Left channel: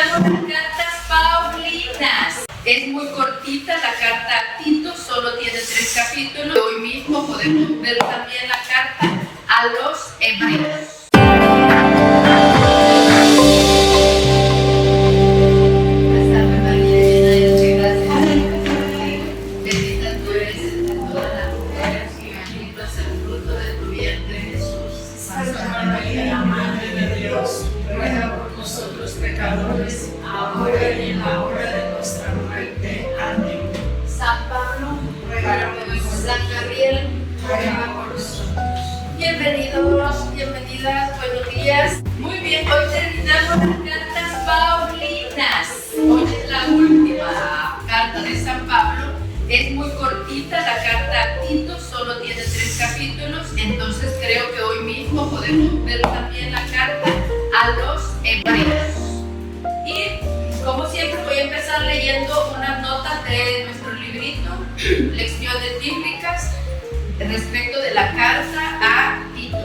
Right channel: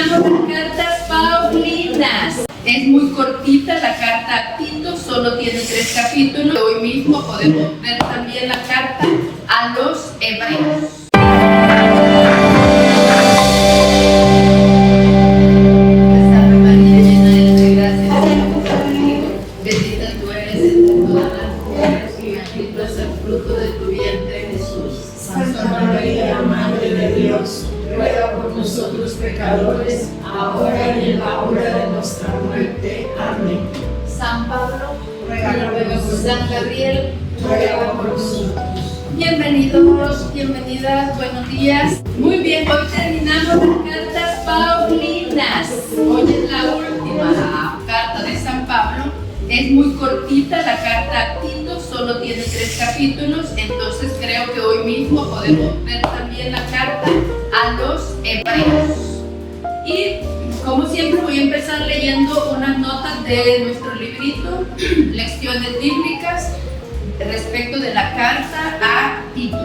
terminamos las cartas paulinas. Es muy cortita la carta a Tito, solo tiene 3 capítulos. Hoy mismo podemos ver también la carta a los hebreos. Pecadores, ahora y en la hora de nuestra muerte. Amén. San Pablo, ruega por nosotros. San Gabriel, ruega por nosotros. Bienvenidos, bienvenidas, buenos días. Muy bien, hoy terminamos las cartas paulinas. Hoy es la última carta de San Pablo. Es muy cortita la carta a Tito, solo tiene 3 capítulos, entonces creo que hoy mismo podemos ver también la carta a los hebreos. Y como siempre voy a empezar leyendo unas notas de nuestro librito, Lecciones Bíblicas, respecto de la carta a Tito.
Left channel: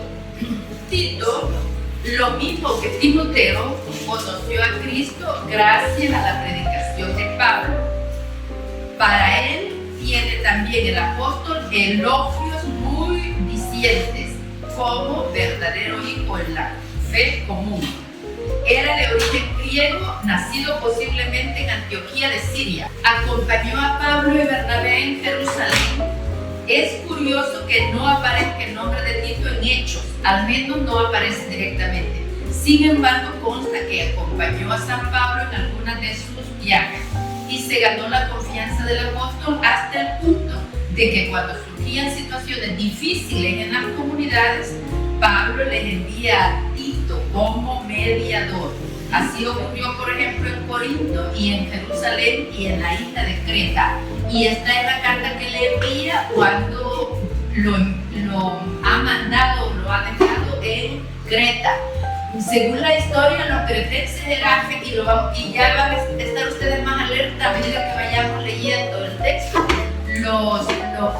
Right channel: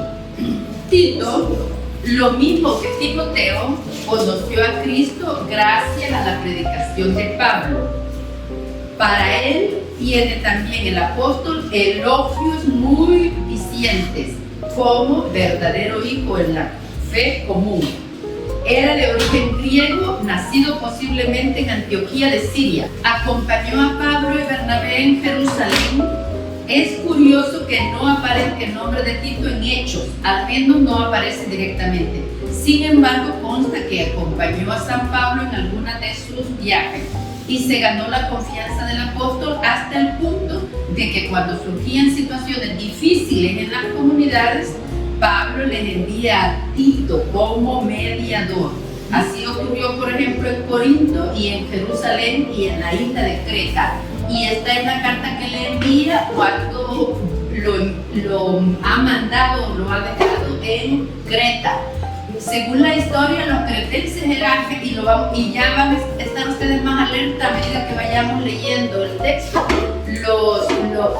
Tito, lo mismo que Timoteo, conoció a Cristo gracias a la predicación de Pablo. Para él tiene también el apóstol elogios muy dicientes como verdadero hijo en la fe común. Era de origen griego, nacido posiblemente en Antioquía de Siria. Acompañó a Pablo y Bernabé en Jerusalén. Es curioso que no aparezca el nombre de Tito en Hechos, al menos no aparece directamente. Sin embargo, consta que acompañó a San Pablo en algunas de sus viajes y se ganó la confianza del apóstol hasta el punto de que cuando surgían situaciones difíciles en las comunidades, Pablo les envía a Tito como mediador. Así ocurrió, por ejemplo, en Corinto y en Jerusalén y en la isla de Creta. Y esta es la carta que le envía cuando lo ha mandado, lo ha dejado en Creta. Según la historia, los cretenses eran, y ya van a estar ustedes más alerta a medida que vayamos leyendo el texto,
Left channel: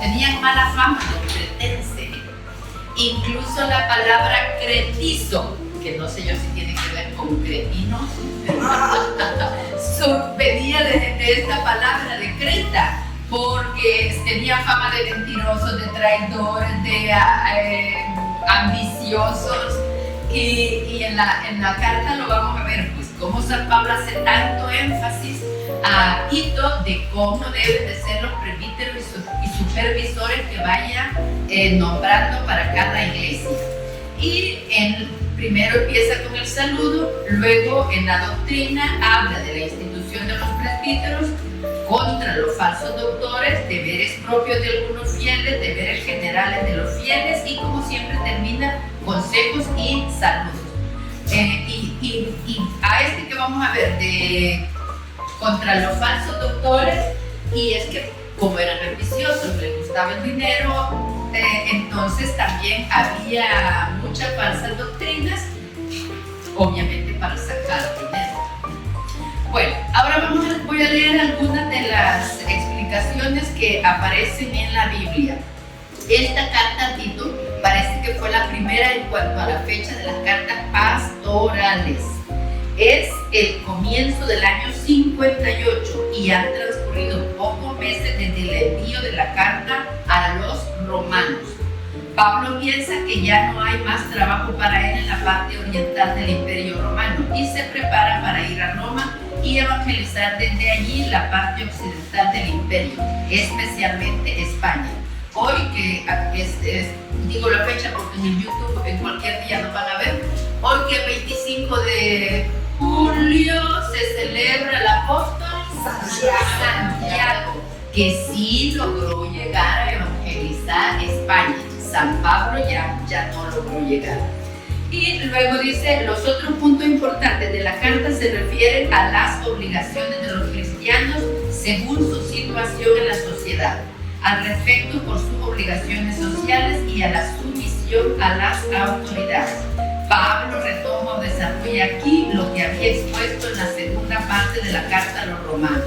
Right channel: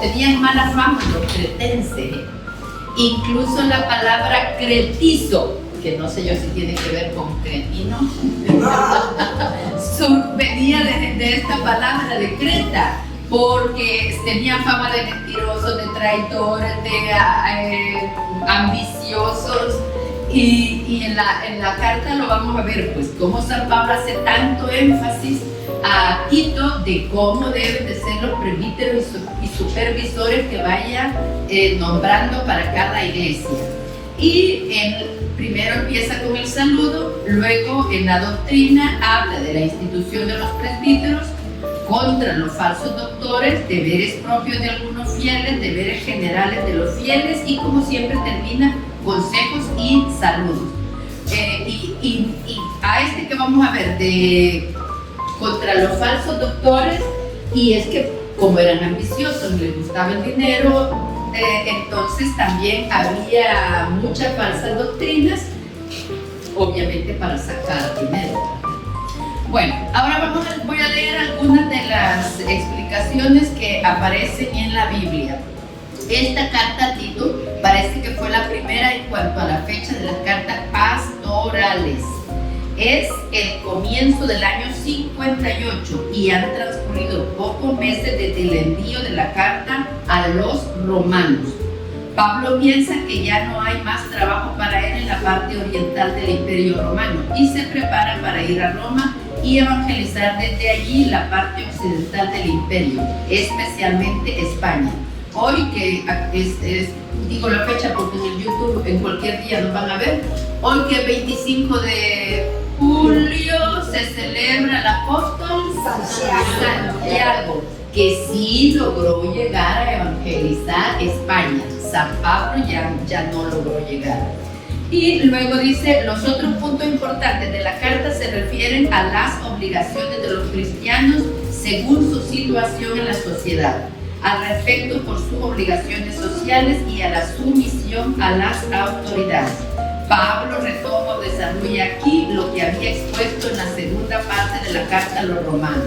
tenían mala fama los cretenses. Incluso la palabra cretizo, que no sé yo si tiene que ver con cretino, venía de esta palabra de Creta, porque tenían fama de mentirosos, de traidores, de ambiciosos. Y en la carta lo vamos a ver, pues cómo San Pablo hace tanto énfasis a Tito de cómo deben de ser los presbíteros y supervisores que vaya nombrando para cada iglesia. Y primero empieza con el saludo, luego en la doctrina habla de la institución de los presbíteros, contra los falsos doctores, deberes propios de algunos fieles, deberes generales de los fieles y como siempre termina consejos y saludos. Y a este que vamos a ver contra los falsos doctores, y es que como eran ambiciosos, les gustaba el dinero, entonces también había muchas falsas doctrinas, obviamente para sacar dinero. Bueno, ahora voy a leer algunas de las explicaciones que aparecen en la Biblia. Esta carta a Tito parece que fue la primera en cuanto a la fecha de las cartas pastorales. Es el comienzo del año 58 y han transcurrido pocos meses desde el envío de la carta a los romanos. Pablo piensa que ya no hay más trabajo para él en la parte oriental del Imperio Romano y se prepara para ir a Roma y evangelizar desde allí la parte occidental del imperio, especialmente España. Hoy, que digo la fecha porque en el YouTube en cualquier día nos van a ver, hoy que es 25 de julio se celebra el apóstol Santiago, que sí logró llegar a evangelizar España. San Pablo ya no logró llegar. Y luego dice, los otros puntos importantes de la carta se refieren a las obligaciones de los cristianos según su situación en la sociedad, al respecto por sus obligaciones sociales y a la sumisión a las autoridades. Pablo retoma o desarrolla aquí lo que había expuesto en la segunda parte de la carta a los romanos.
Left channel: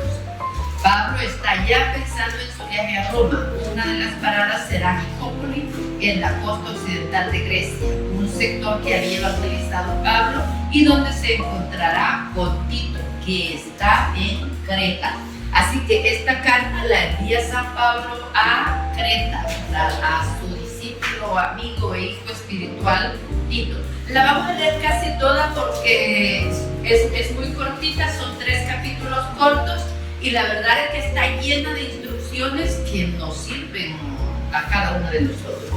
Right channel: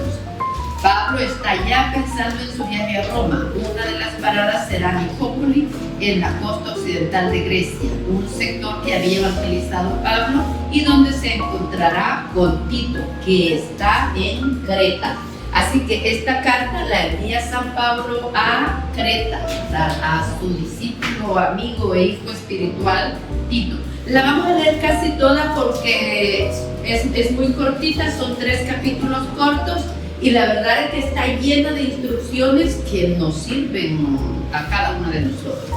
Pablo está ya pensando en su viaje a Roma. Una de las paradas será Nicópoli, en la costa occidental de Grecia, un sector que había evangelizado Pablo y donde se encontrará con Tito, que está en Creta. Así que esta carta la envía San Pablo a Creta, a su discípulo, amigo e hijo espiritual Tito. La vamos a leer casi toda porque es muy cortita, son 3 capítulos cortos y la verdad es que está llena de instrucciones que nos sirven a cada uno de nosotros.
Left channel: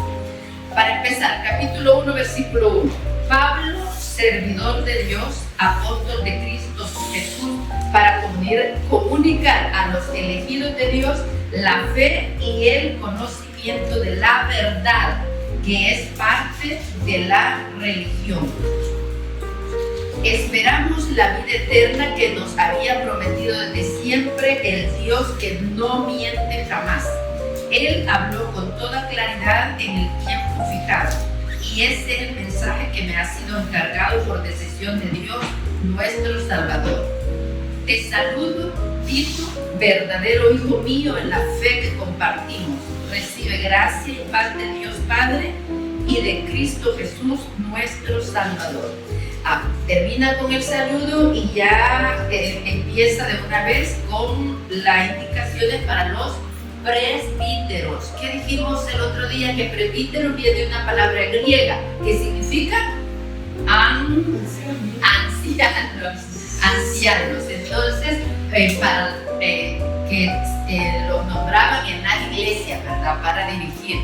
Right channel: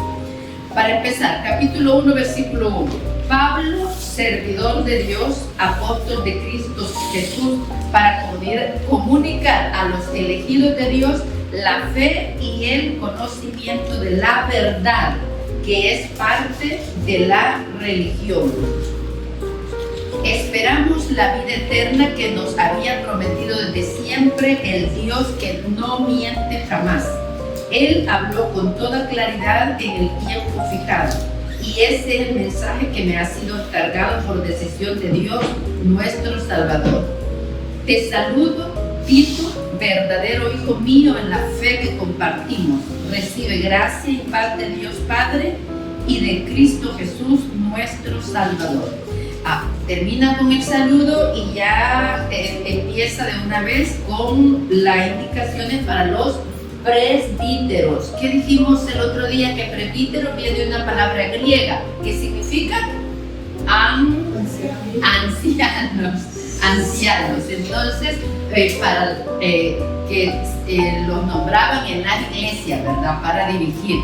Para empezar, capítulo 1, versículo 1. Pablo, servidor de Dios, apóstol de Cristo Jesús, para comunicar a los elegidos de Dios la fe y el conocimiento de la verdad, que es parte de la religión. Esperamos la vida eterna que nos había prometido desde siempre el Dios que no miente jamás. Él habló con toda claridad en el tiempo fijado, y ese es el mensaje que me ha sido encargado por decisión de Dios, nuestro Salvador. Te saludo, Tito, verdadero hijo mío en la fe que compartimos. Recibe gracia y paz de Dios Padre y de Cristo Jesús, nuestro Salvador. Termina con el saludo y ya empieza de una vez con las indicaciones para los presbíteros. ¿Qué dijimos el otro día? Que presbítero viene de una palabra griega que significa ancianos. Entonces, para que los nombraban en la iglesia, ¿verdad? Para dirigir.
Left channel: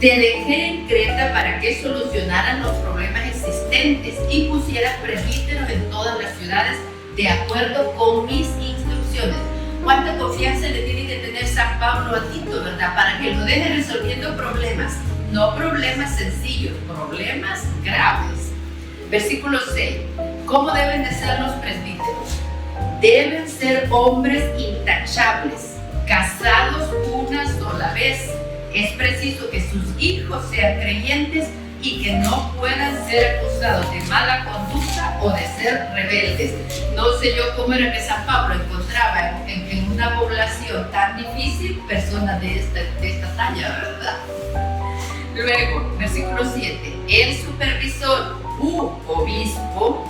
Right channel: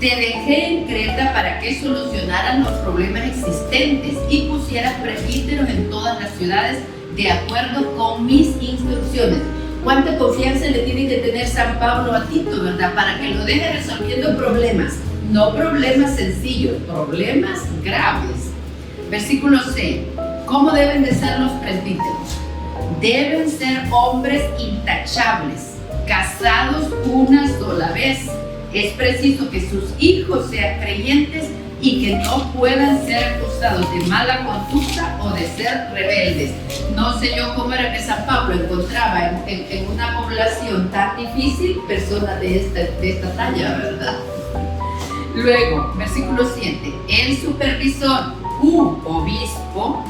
Te dejé en Creta para que solucionaran los problemas existentes y pusieras presbíteros en todas las ciudades de acuerdo con mis instrucciones. ¿Cuánta confianza le tiene que tener San Pablo a Tito, verdad? Para que lo deje resolviendo problemas, no problemas sencillos, problemas graves. Versículo 6. ¿Cómo deben de ser los presbíteros? Deben ser hombres intachables, casados una sola vez. Es preciso que sus hijos sean creyentes y que no puedan ser acusados de mala conducta o de ser rebeldes. No sé yo cómo era que San Pablo encontraba en una población tan difícil personas de esta talla, ¿verdad? Luego, versículo 7. El supervisor u obispo,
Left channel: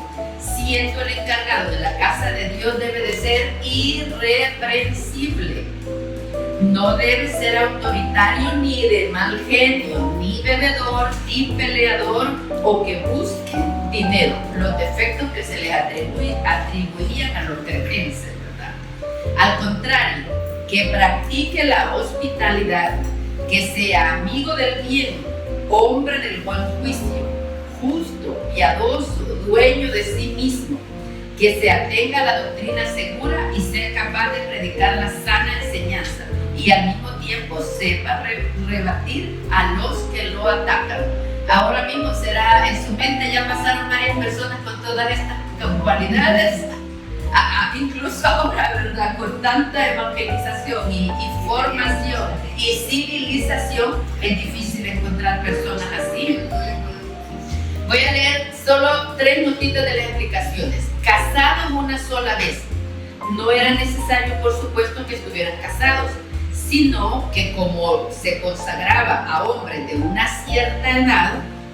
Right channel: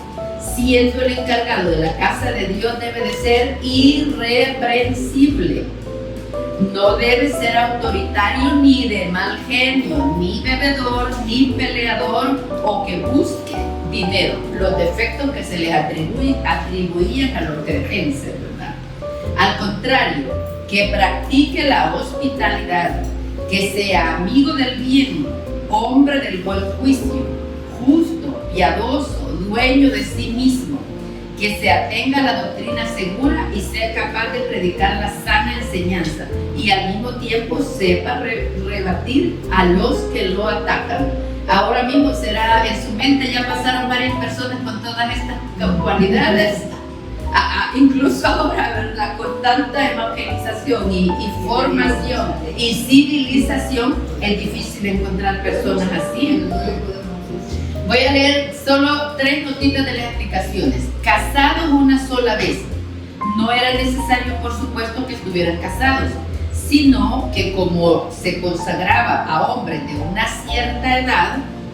siendo el encargado de la casa de Dios, debe de ser irreprensible. No debe ser autoritario ni de mal genio, ni bebedor, ni peleador o que busque dinero, los defectos que se le atribuían a los cretenses, ¿verdad? Al contrario, que practique la hospitalidad, que sea amigo del bien, hombre del buen juicio, justo, piadoso, dueño de sí mismo, que se atenga a la doctrina segura y sea capaz de predicar la sana enseñanza y al mismo tiempo sepa rebatir a los que lo atacan. Ahora mismo será en su mente, ya pasaron varias personas con todas estas cualidades, incluso ahora, ¿verdad? Con tanta evangelización y formación y civilización, es difícil encontrar personas así. Voy a leer solo 3 notitas de las explicaciones. Casados una sola vez. No era necesario, por supuesto, que estuvieran casados, sino que como se consagraba a hombres de una cierta edad,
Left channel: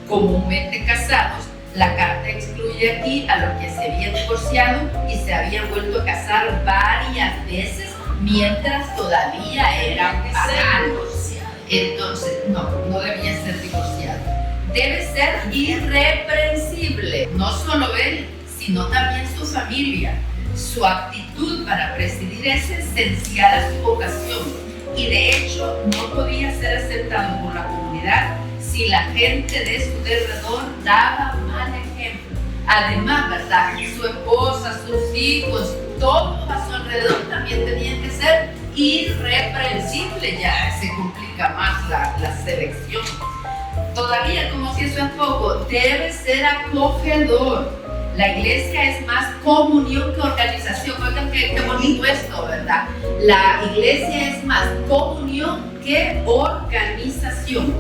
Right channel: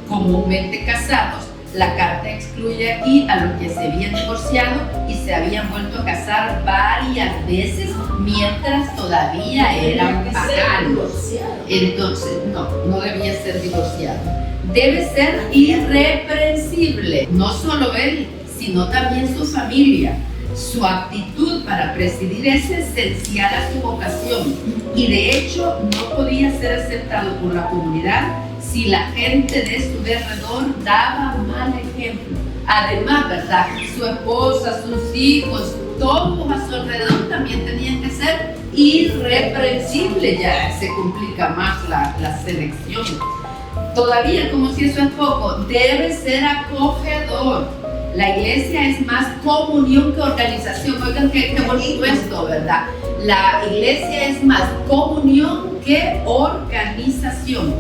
comúnmente casados, la carta excluye aquí a los que se habían divorciado y se habían vuelto a casar varias veces mientras todavía eran paganos. Entonces, no debía ser divorciado. Debe ser irreprensible, no solo él, sino también su familia. Su actitud para presidir es esencial a su vocación y de hecho no podía ser aceptado por la comunidad si la gente de su derredor daba mal ejemplo. Además, ¿verdad? Su esposa, sus hijos, todos a su alrededor también tenían que ser irreprensibles. Ya se complica más la selección. Todavía, como si eso es poco, debe ser acogedor. La iglesia es más comunión que organización. Oigan qué bonito esto, ¿verdad? La iglesia es más comunión que organización.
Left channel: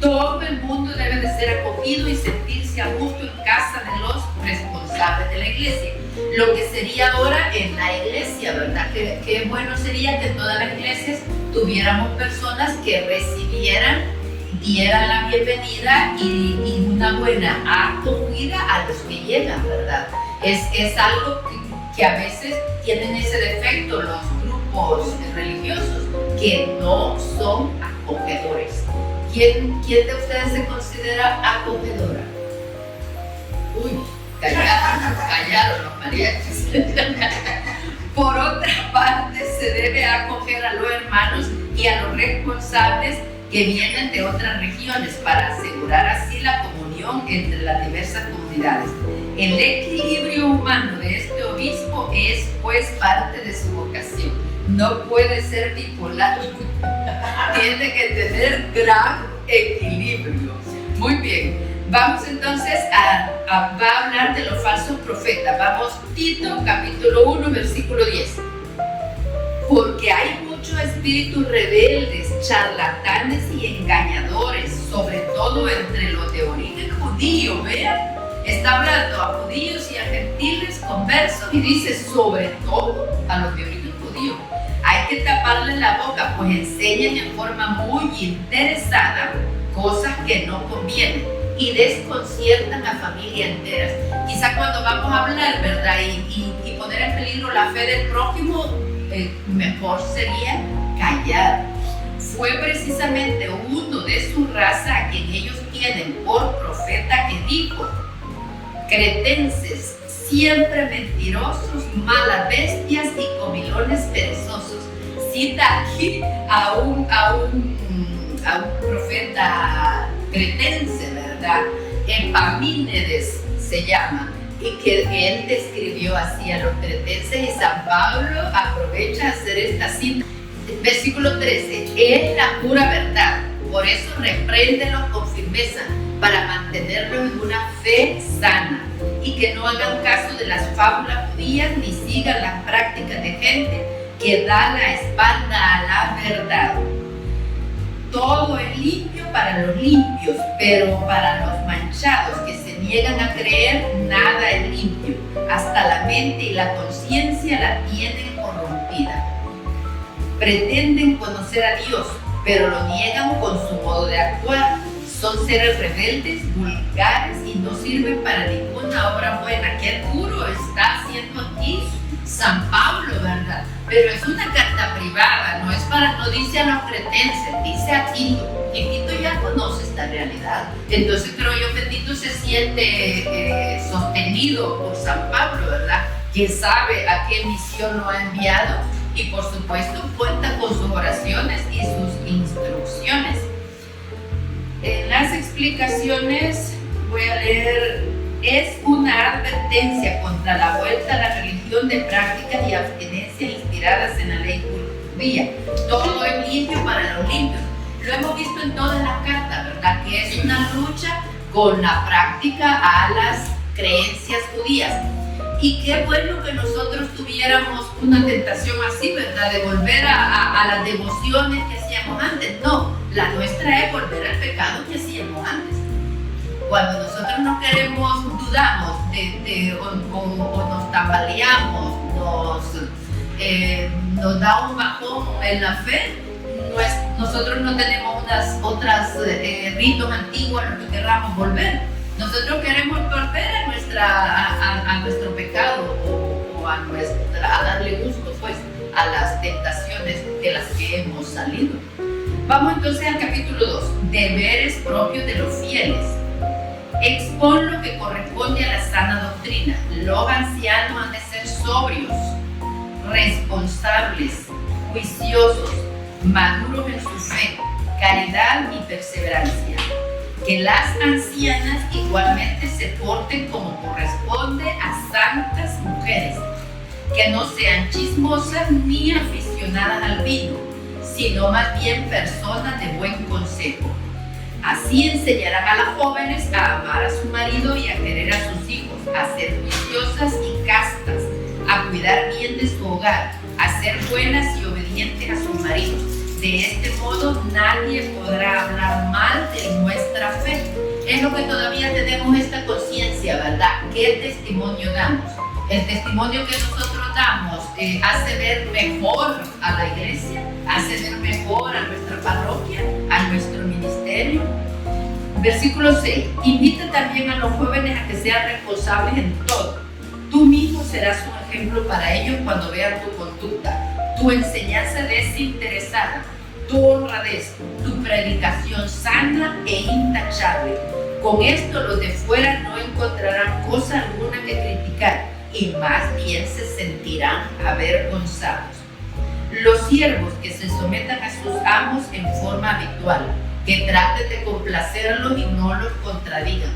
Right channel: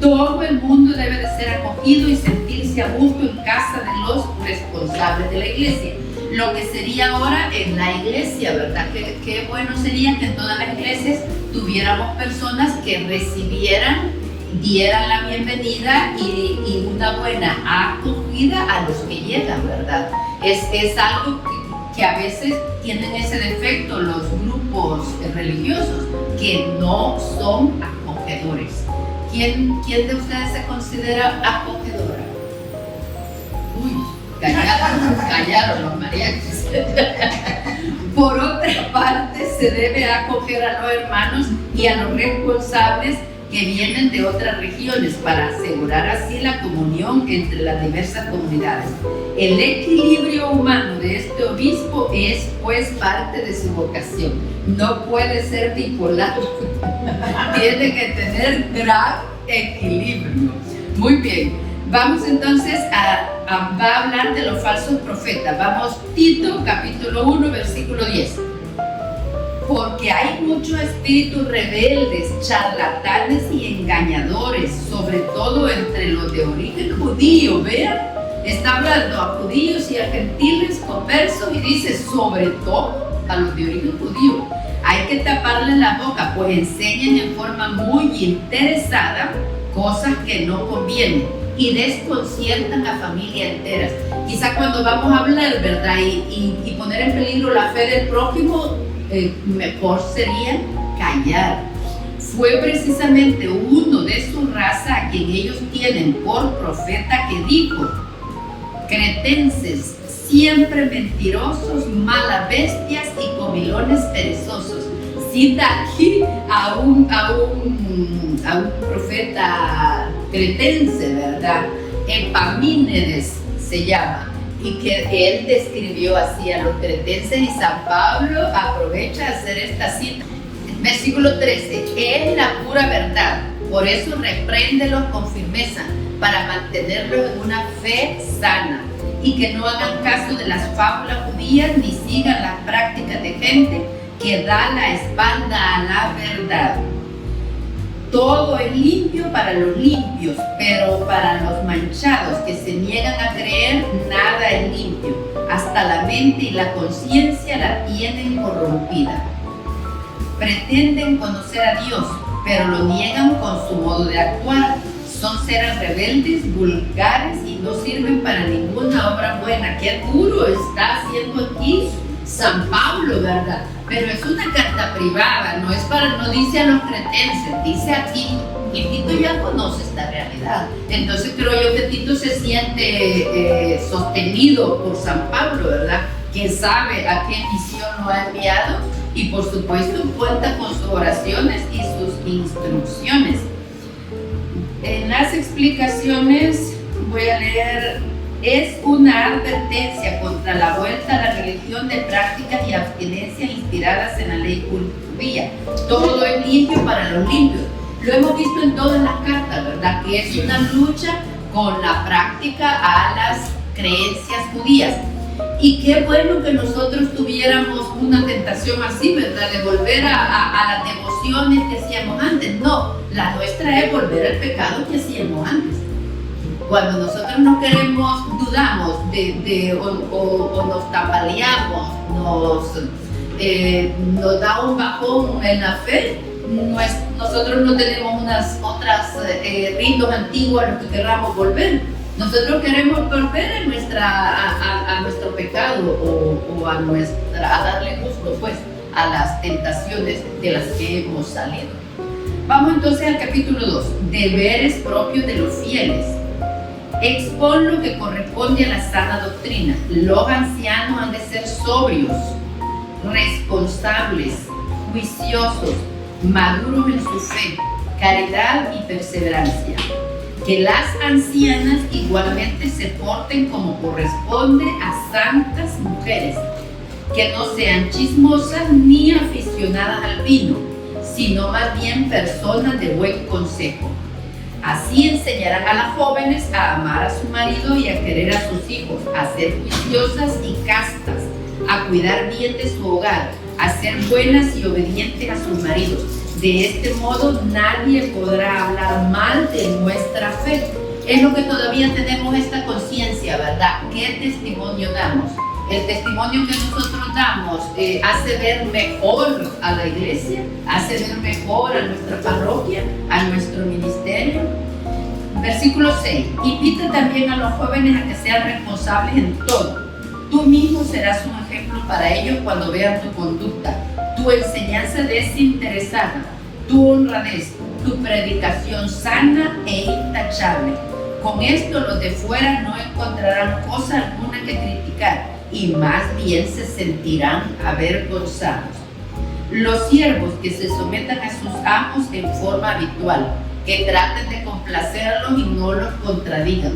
Todo el mundo debe de ser acogido y sentirse a gusto en casa de los responsables de la iglesia. lo que sería ahora en la iglesia, ¿verdad? Qué bueno sería que en todas las iglesias tuviéramos personas que recibieran, dieran la bienvenida y una buena acogida a los que llegan, ¿verdad? Es algo que a veces tienen ese defecto los grupos religiosos, que no son acogedores. ¿Quién de ustedes se considera acogedora? Uy, callaron los mariachis. Por otra parte, se debe acoger a los hermanos y a los responsables que vienen de otras regiones para asegurar así la comunión entre las diversas comunidades. El equilibrio humano de este obispo es pues parte de su vocación. No puede ser bipolar. Tiene que tener gran equilibrio. Muy bien. Vamos entonces va a hablar de los falsos profetas. Vamos, Tito, capítulo 1, versículo 10. Porque hay muchos espíritus rebeldes, charlatanes y engañadores, sobre todo entre los de origen judío. Vean, está hablando a judíos y a gentiles conversos y dice sobre todo a los de origen judío. Hay que taparles la boca, pues enseñan en forma muy interesada cosas que no convienen y desconciertan a familias enteras. Quizá cuando vamos a hablar, ¿verdad? Y poner en peligro la fe del prójimo, mejor sería callar. Fue precisamente uno de su raza a quien ellos tienen por profeta que dijo: cretenses, siempre mentirosos, malas bestias y comilones perezosos. Cita aquí a un profeta cretense, ¿verdad? Epamínedes se llama, y que él describió así a los cretenses, y San Pablo aprovecha a hacer esta cita. Versículo 13, es la pura verdad, por eso repréndelos con firmeza, para mantenerlos en una fe sana, y que no hagan caso de las fábulas judías, ni sigan las prácticas de gente que da la espalda a la verdad. Todo es limpio para los limpios, pero para los manchados que se niegan a creer, nada es limpio. Hasta la mente y la conciencia la tienen corrompida. Pretenden conocer a Dios, pero lo niegan con su modo de actuar. Son seres rebeldes, vulgares y no sirven para ninguna obra buena. Qué duro está haciendo aquí San Pablo, ¿verdad? Pero es una carta privada, no dice a los cretenses, dice a Tito, y Tito ya conoce esta realidad. Entonces creo yo que Tito se siente sostenido por San Pablo, ¿verdad? Que sabe a qué misión lo ha enviado y por supuesto cuenta con sus oraciones y sus instrucciones. En las explicaciones voy a leer: es una advertencia contra la vuelta a la religión de prácticas y abstinencias inspiradas en la ley judía. Todo es limpio para los limpios. Lo hemos visto en todas las cartas, ¿verdad? Que es una lucha con la práctica a las creencias judías. Y qué bueno que nosotros tuviéramos una tentación así, ¿verdad? De volver a las devociones que hacíamos antes. No, la nuestra es volver al pecado que hacíamos antes. Cuando nosotros no queremos, dudamos o nos tambaleamos, nos da un bajón en la fe, nosotros no tenemos unas otras ritos antiguos a los que queramos volver. Nosotros queremos volver a nuestro pecado o a darle gusto pues a las tentaciones de las que hemos salido. Vamos entonces al capítulo 2, deberes propios de los fieles. Expon lo que corresponde a la sana doctrina. Los ancianos han de ser sobrios, responsables, juiciosos, maduros en su fe, caridad y perseverancia. Que las ancianas igualmente se porten como corresponde a santas mujeres, que no sean chismosas ni aficionadas al vino, sino más bien personas de buen consejo. Así enseñarán a las jóvenes a amar a su marido y a querer a sus hijos, a ser juiciosas y castas, a cuidar bien de su hogar, a ser buenas y obedientes a sus maridos. De este modo nadie podrá hablar mal de nuestra fe. Es lo que todavía tenemos esta conciencia, ¿verdad? ¿Qué testimonio damos? El testimonio que nosotros damos hace ver mejor a la iglesia, hace ver mejor a nuestra parroquia, a nuestro ministerio. Versículo 6. Invita también a los jóvenes a que sean responsables en todo. Tú mismo serás un ejemplo para ellos cuando vean tu conducta, tu enseñanza desinteresada, tu honradez, tu predicación sana e intachable. Con esto los de fuera no encontrarán cosa alguna que criticar y más bien se sentirán avergonzados. Los siervos que se sometan a sus amos en forma habitual, que traten de complacerlos y no los contradigan,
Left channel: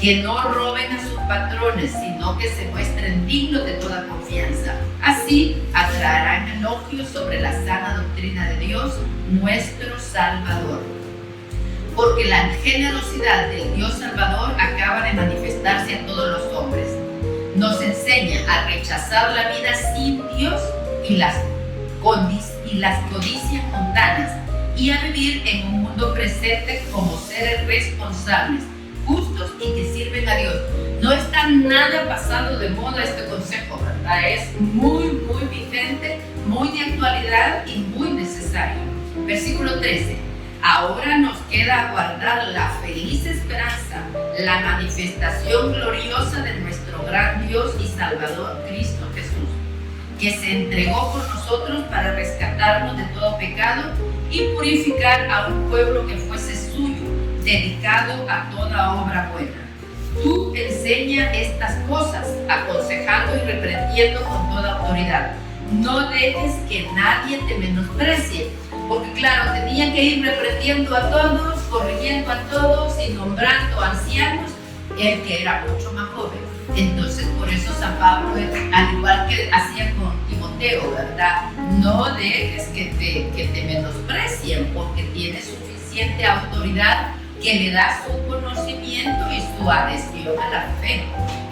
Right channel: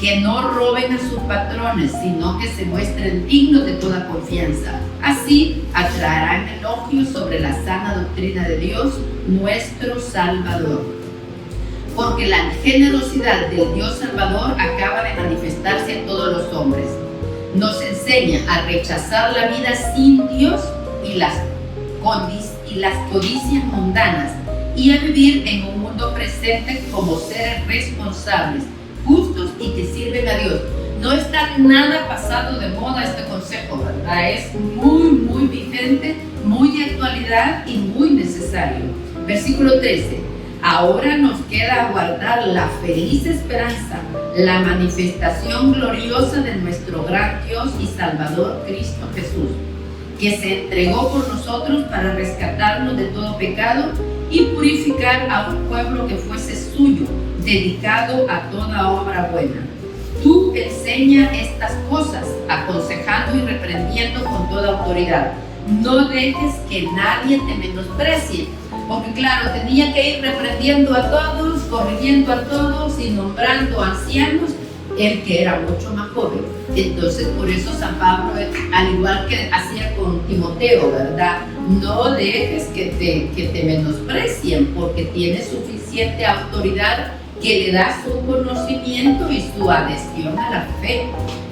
que no roben a sus patrones, sino que se muestren dignos de toda confianza. Así atraerán elogios sobre la sana doctrina de Dios, nuestro Salvador. Porque la generosidad del Dios Salvador acaba de manifestarse a todos los hombres. Nos enseña a rechazar la vida sin Dios y las codicias mundanas y a vivir en un mundo presente como seres responsables, justos y que sirven a Dios. No está nada pasado de moda este consejo, ¿verdad? Es muy vigente, muy de actualidad y muy necesario. Versículo 13. Ahora nos queda aguardar la feliz esperanza, la manifestación gloriosa de nuestro gran Dios y Salvador Cristo Jesús, que se entregó por nosotros para rescatarnos de todo pecado y purificar a un pueblo que fuese suyo, dedicado a toda obra buena. Tú enseña estas cosas, aconsejando y reprendiendo con toda autoridad. No dejes que nadie te menosprecie, porque claro, tenía que ir reprendiendo a todos, corrigiendo a todos y nombrando ancianos, el que era mucho más joven. Entonces por eso San Pablo, al igual que hacía con Timoteo, ¿verdad? No dejes que te menosprecien, porque tienes suficiente autoridad que le da su conocimiento y su adhesión a la fe.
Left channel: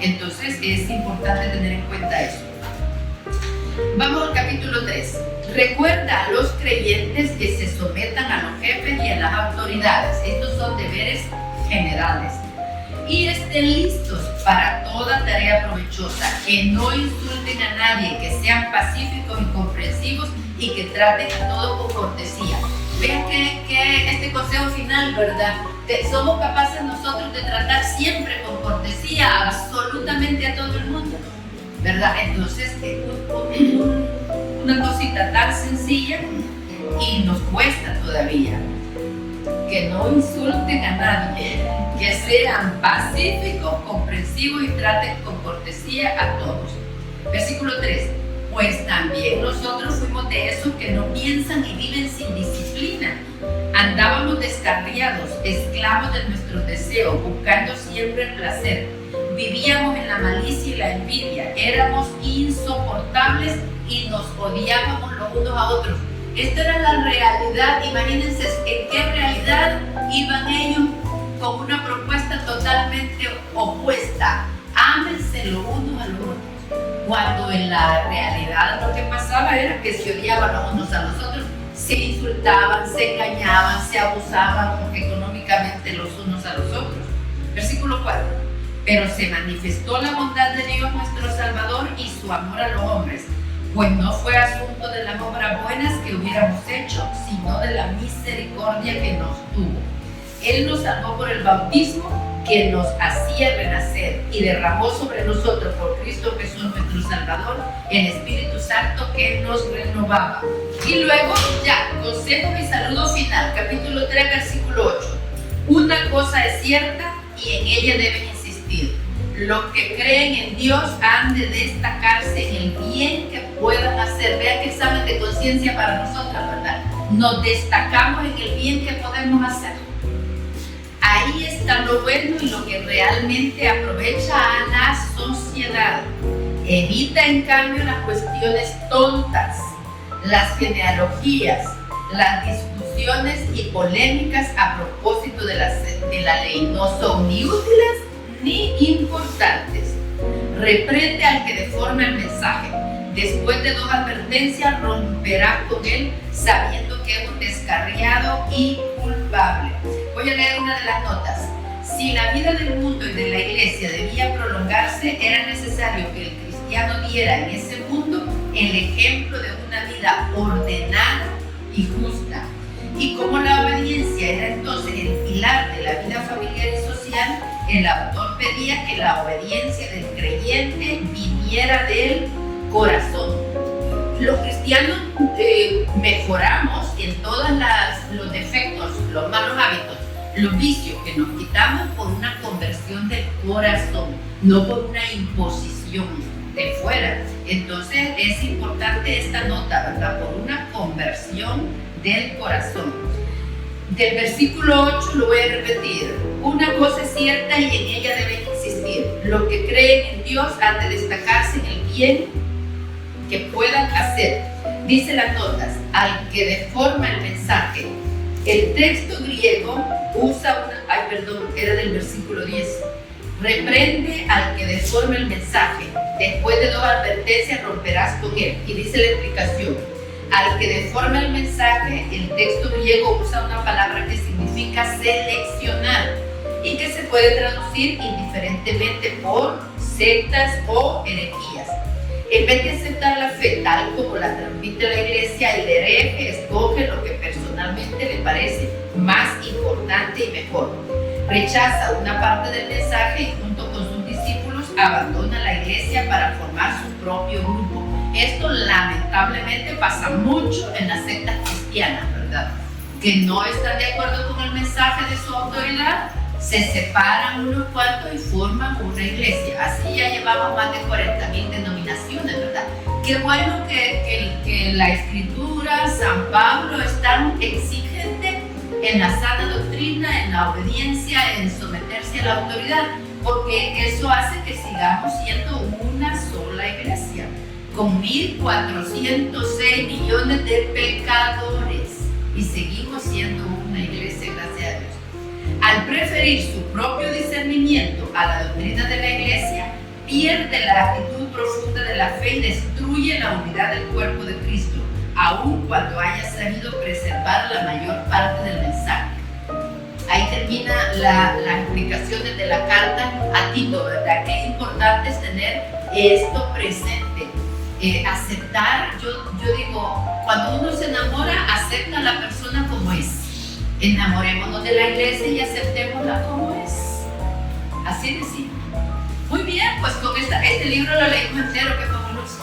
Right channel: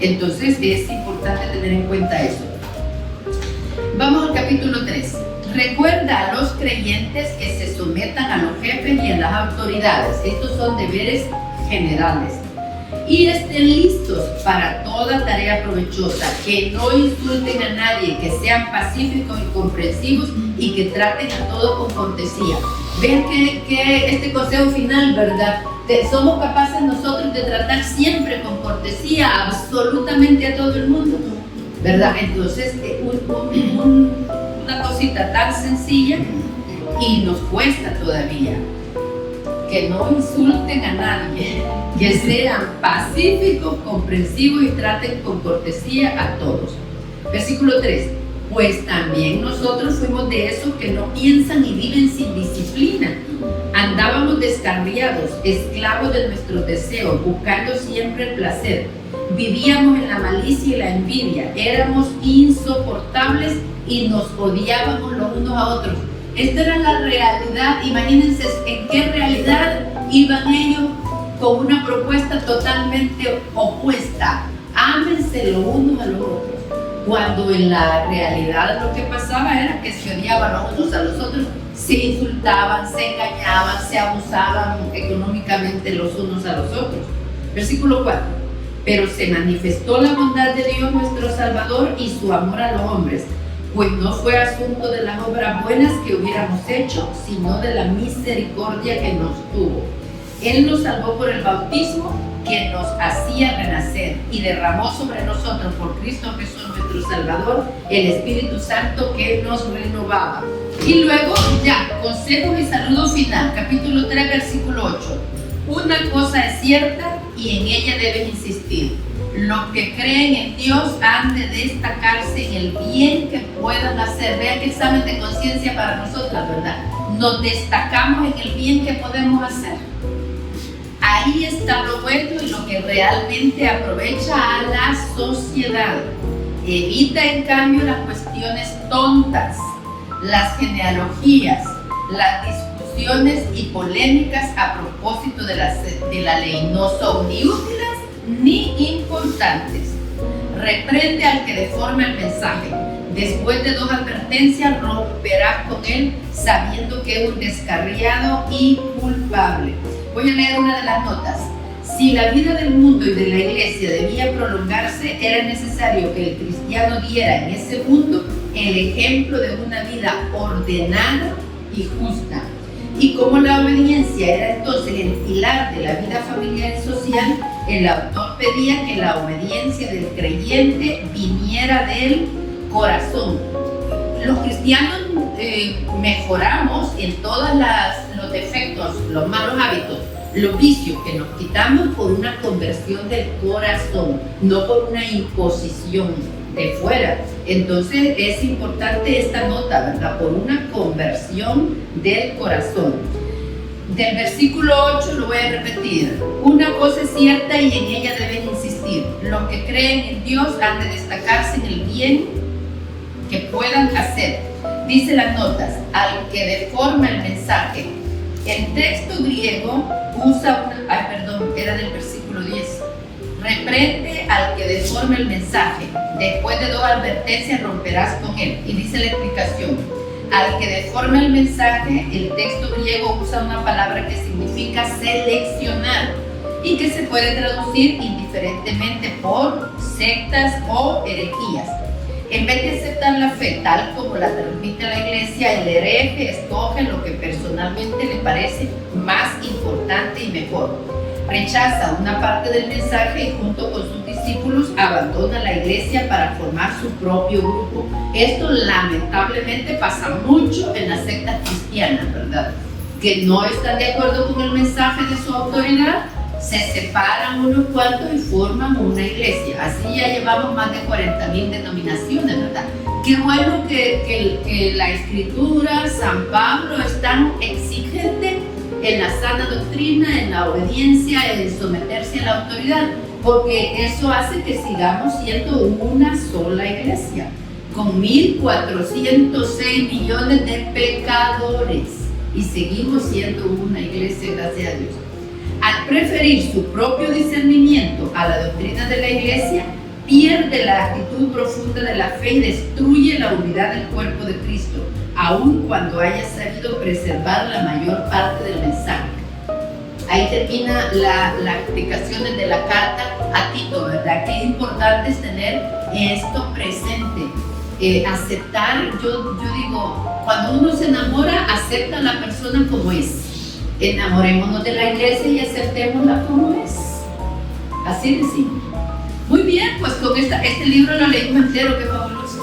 Entonces es importante tener en cuenta eso. Vamos al capítulo 3. Recuerda a los creyentes que se sometan a los jefes y a las autoridades. Estos son deberes generales. Y estén listos para toda tarea provechosa, que no insulten a nadie, que sean pacíficos y comprensivos y que traten a todos con cortesía. Vean que este consejo final, ¿verdad? Somos capaces nosotros de tratar siempre con cortesía absolutamente a todo el mundo, ¿verdad? Entonces, una cosita tan sencilla y nos cuesta todavía. Que no insulten a nadie, que sean pacíficos, comprensivos y traten con cortesía a todos. Versículo 3. Pues también nosotros fuimos de esos que no piensan y viven sin disciplina. Andábamos descarriados, esclavos de nuestros deseos, buscando siempre el placer. Vivíamos en la malicia y la envidia, éramos insoportables y nos odiábamos los unos a otros. Esta era la realidad. Imagínense en qué realidad iban ellos con una propuesta totalmente opuesta. Ámense los unos a los otros. Cuando en la realidad lo que pasaba era que se odiaban los unos a los otros, se insultaban, se engañaban, se abusaban económicamente los unos a los otros. Versículo 4. Pero se manifestó la bondad de Dios nuestro Salvador y su amor a los hombres, pues no fue asunto de las obras buenas que hubiéramos hecho, sino de la misericordia que nos tuvo. Él nos salvó por el bautismo que nos hacía renacer y derramó sobre nosotros por Cristo Jesús nuestro Salvador el Espíritu Santo que nos renovaba. Y luego ya, consejos y saludo final, capítulo 3, versículo 8. Una cosa es cierta y en ella deben insistir. Los que creen en Dios han de destacarse en el bien que puedan hacer. Vean qué examen de conciencia para nosotros, ¿verdad? Nos destacamos en el bien que podemos hacer. Ahí está lo bueno y lo que realmente aprovecha a la sociedad. Evita en cambio las cuestiones tontas, las genealogías, las discusiones y polémicas a propósito de la ley. No son ni útiles ni importantes. Reprende al que deforma el mensaje. Después de 2 advertencias, romperás con él sabiendo que es un descarriado y culpable. Voy a leer una de las notas. Si la vida del mundo y de la iglesia debía prolongarse, era necesario que el cristiano cristiano diera en ese mundo el ejemplo de una vida ordenada y justa. Y como la obediencia era entonces el pilar de la vida familiar y social, el autor pedía que la obediencia del creyente viniera del corazón. Los cristianos mejoramos en todos los defectos, los malos hábitos, los vicios que nos quitamos por una conversión del corazón, no por una imposición de fuera. Entonces es importante esta nota, ¿verdad? Por una conversión del corazón. Del versículo 8 lo voy a repetir. Una cosa es cierta y en ella deben insistir. Los que creen en Dios han de destacarse en el bien que puedan hacer. Dice las notas, al que deforma el mensaje. El texto griego usa era del versículo 10. Reprende al que deforme el mensaje. Después de 2 advertencias romperás con él. Y dice la explicación. Al que deforme el mensaje, el texto griego usa una palabra que significa seleccionar y que se puede traducir indiferentemente por sectas o herejías. En vez de aceptar la fe tal como la transmite la iglesia, el hereje escoge lo que personalmente le parece más importante y mejor. Rechaza una parte del mensaje y junto con sus discípulos abandona la iglesia para formar su propio grupo. Esto lamentablemente pasa mucho en las sectas cristianas, ¿verdad? Que no están de acuerdo con el mensaje de su autoridad, se separan unos cuantos y forman una iglesia. Así ya llevamos más de 40,000 denominaciones, ¿verdad? Qué bueno que la Escritura, San Pablo, es tan exigente en la sana doctrina, en la obediencia, en someterse a la autoridad, porque eso hace que sigamos siendo una sola iglesia, con 1.406 millones de pecadores, y seguimos siendo una iglesia, gracias a Dios. Al preferir su propio discernimiento a la doctrina de la iglesia, pierde la actitud profunda de la fe y destruye la unidad del cuerpo de Cristo, aun cuando haya sabido preservar la mayor parte del mensaje. Ahí termina la explicación de la carta a Tito, ¿verdad? Que es importante tener esto presente. Aceptar, yo digo, cuando uno se enamora, acepta a la persona como es. Enamorémonos de la iglesia y aceptémosla como es. Así de simple. Muy bien, pues con este libro lo leímos entero, qué fabuloso.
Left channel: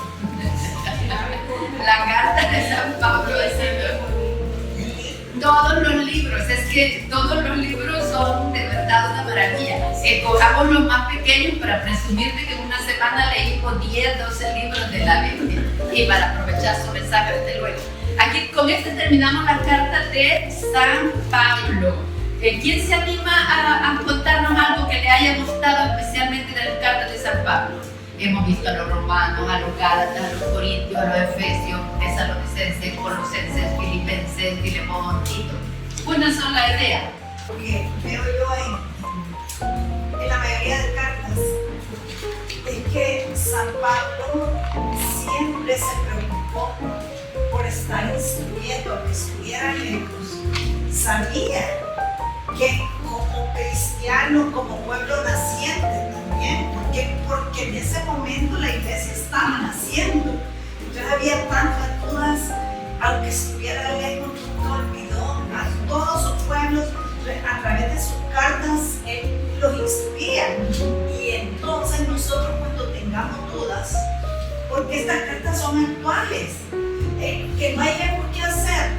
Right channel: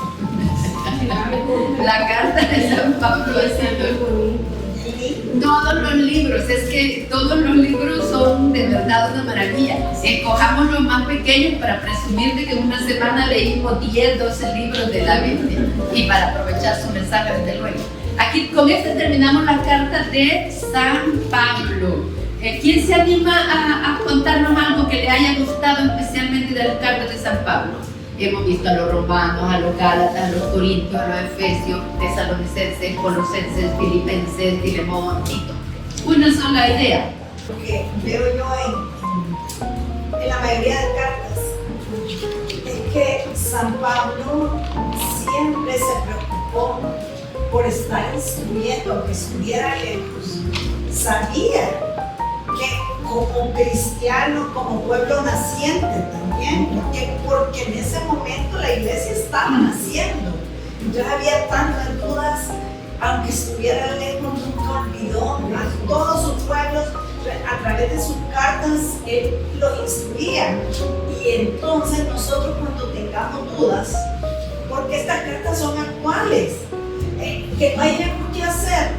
La carta de San Pablo es todos los libros, es que todos los libros son de verdad una maravilla. Escojamos los más pequeños para presumir de que en una semana leímos 10, 12 libros de la Biblia y para aprovechar su mensaje desde luego. Aquí con terminamos la carta de San Pablo. ¿Quién se anima a contarnos algo que le haya gustado especialmente de las cartas de San Pablo? Hemos visto a los romanos, a los gálatas, a los corintios, a los efesios, tesalonicenses, colosenses, filipenses, Filemón, Tito. Una sola idea. Porque veo yo en la mayoría de cartas es que San Pablo siempre se preocupó por estar instruyendo, aunque estuviera lejos. Sabía que como cristiano, como pueblo naciente también, porque en ese momento la iglesia estaba naciendo. Entonces había tantas dudas, aunque estuviera lejos, nunca olvidó a todos sus pueblos, a través de sus cartas, él los instruía. Y entonces nosotros cuando tengamos dudas, porque estas cartas son actuales, que no hayamos qué hacer,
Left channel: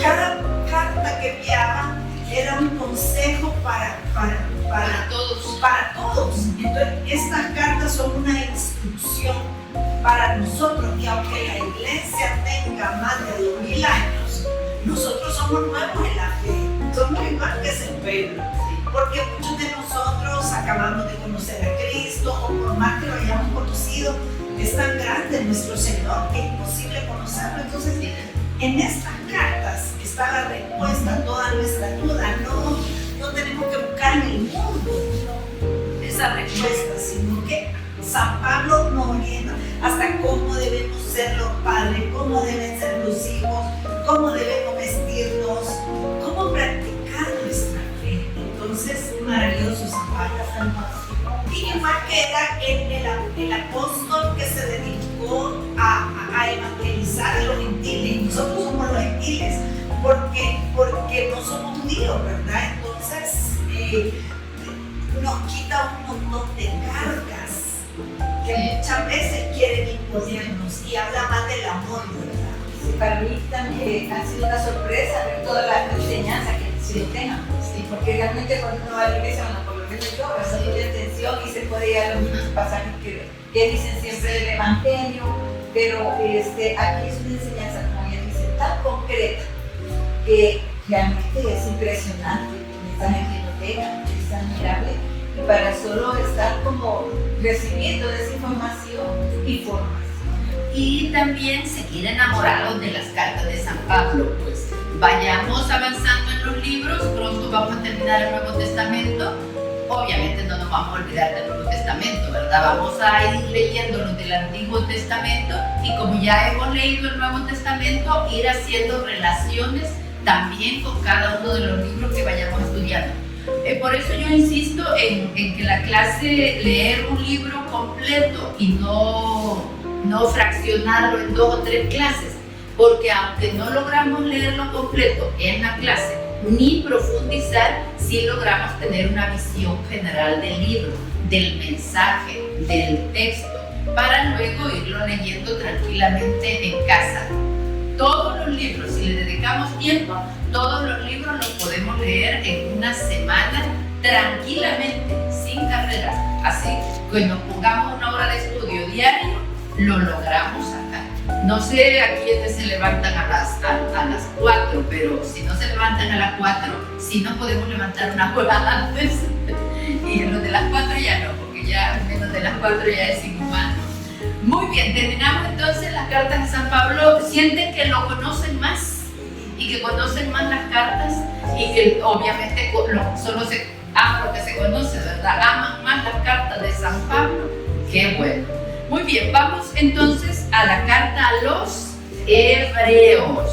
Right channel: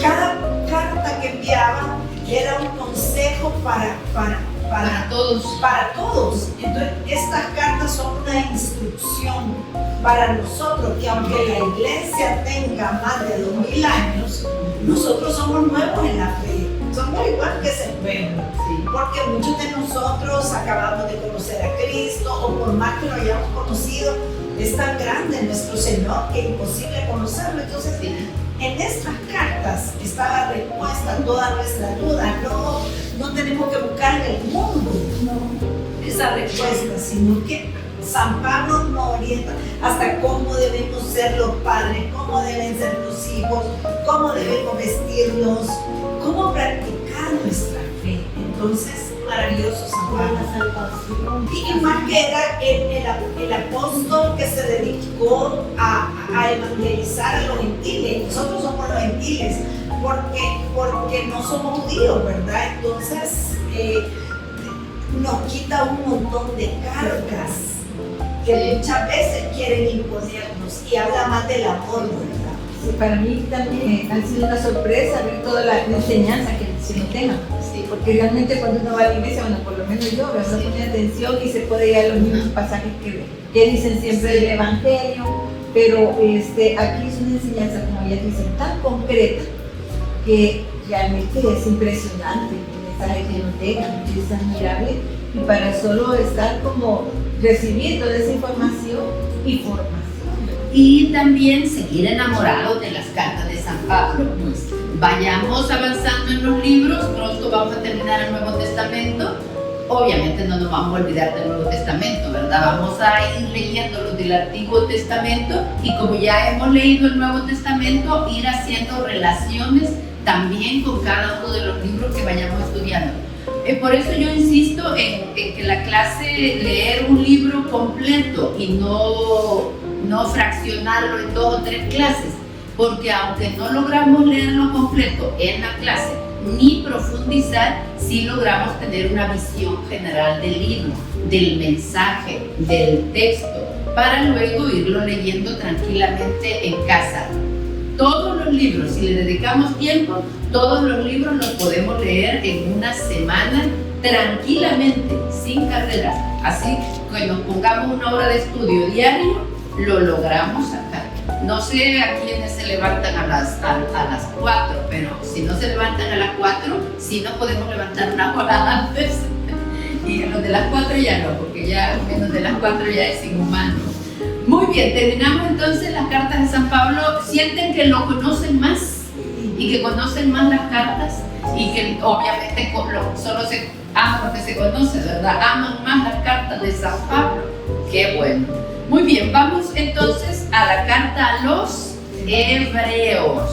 cada carta que enviaba era un consejo para todos. Entonces, estas cartas son una instrucción para nosotros, que aunque la iglesia tenga más de 2000 años, nosotros somos nuevos en la fe. Somos igual que ese pueblo, porque muchos de nosotros acabamos de conocer a Cristo, o por más que lo hayamos conocido, es tan grande nuestro Señor que es imposible conocerlo. Entonces, en estas cartas está la respuesta a todas nuestras dudas. No tenemos que buscar en el mundo esa respuesta, sino que San Pablo nos orienta hasta cómo debemos ser los padres, cómo deben ser los hijos, cómo debemos vestirnos, cómo practicar nuestra fe. Entonces, maravilloso San Pablo. Y más que era el apóstol que se dedicó a evangelizar a los gentiles. Nosotros somos los gentiles porque no somos judíos, ¿verdad? Entonces nos quita un montón de cargas que muchas veces quieren imponernos y habla más del amor, ¿verdad? Sí, para mí también ha sido una sorpresa ver toda la enseñanza que se nos tenga. Sí, porque realmente cuando uno va a la iglesia, bueno, por lo menos yo, uno pone atención y se puede ir a los mismos pasajes que dicen siempre del Evangelio, pero aquí es una enseñanza, como ya dicen, tan concreta que realmente es impresionante el mensaje que nos deja, es admirable, y para solo estar como recibiendo esa información y formación. Y también seguir enamorados de las cartas de San Pablo. Pues vayamos avanzando en los libros, pronto vamos a terminar el Nuevo Testamento. Obviamente no nos vamos a olvidar del Nuevo Testamento, ¿verdad? Vamos a ir leyendo los del Antiguo Testamento y como ya hemos leído el Nuevo Testamento, ir haciendo relaciones también con cada uno de los libros que vayamos estudiando. Por eso yo insisto en que la clase, leer un libro completo y no fraccionarlo en 2 o 3 clases, porque aunque no logramos leerlo completo en la clase, ni profundizar, sí logramos tener una visión general del libro, del mensaje, del texto, para luego irlo leyendo tranquilamente en casa. Todos los libros, si le dedicamos tiempo, todos los libros los podemos leer en una semana tranquilamente, sin carrera. Así que nos pongamos una hora de estudio diario, lo logramos sacar. No sé a quiénes se levantan a las 4, pero si no se levantan a las 4, sí nos podemos levantar una hora antes. Y en los de las 4 ya no, porque ya menos de las 4 ya es inhumano. Muy bien, terminamos entonces las cartas de San Pablo. ¿Sienten que lo conocen más? Y que conocen más las cartas y que obviamente solo se ama lo que se conoce, ¿verdad? Aman más las cartas de San Pablo. ¡Qué bueno! Muy bien, vamos entonces a la carta a los Hebreos.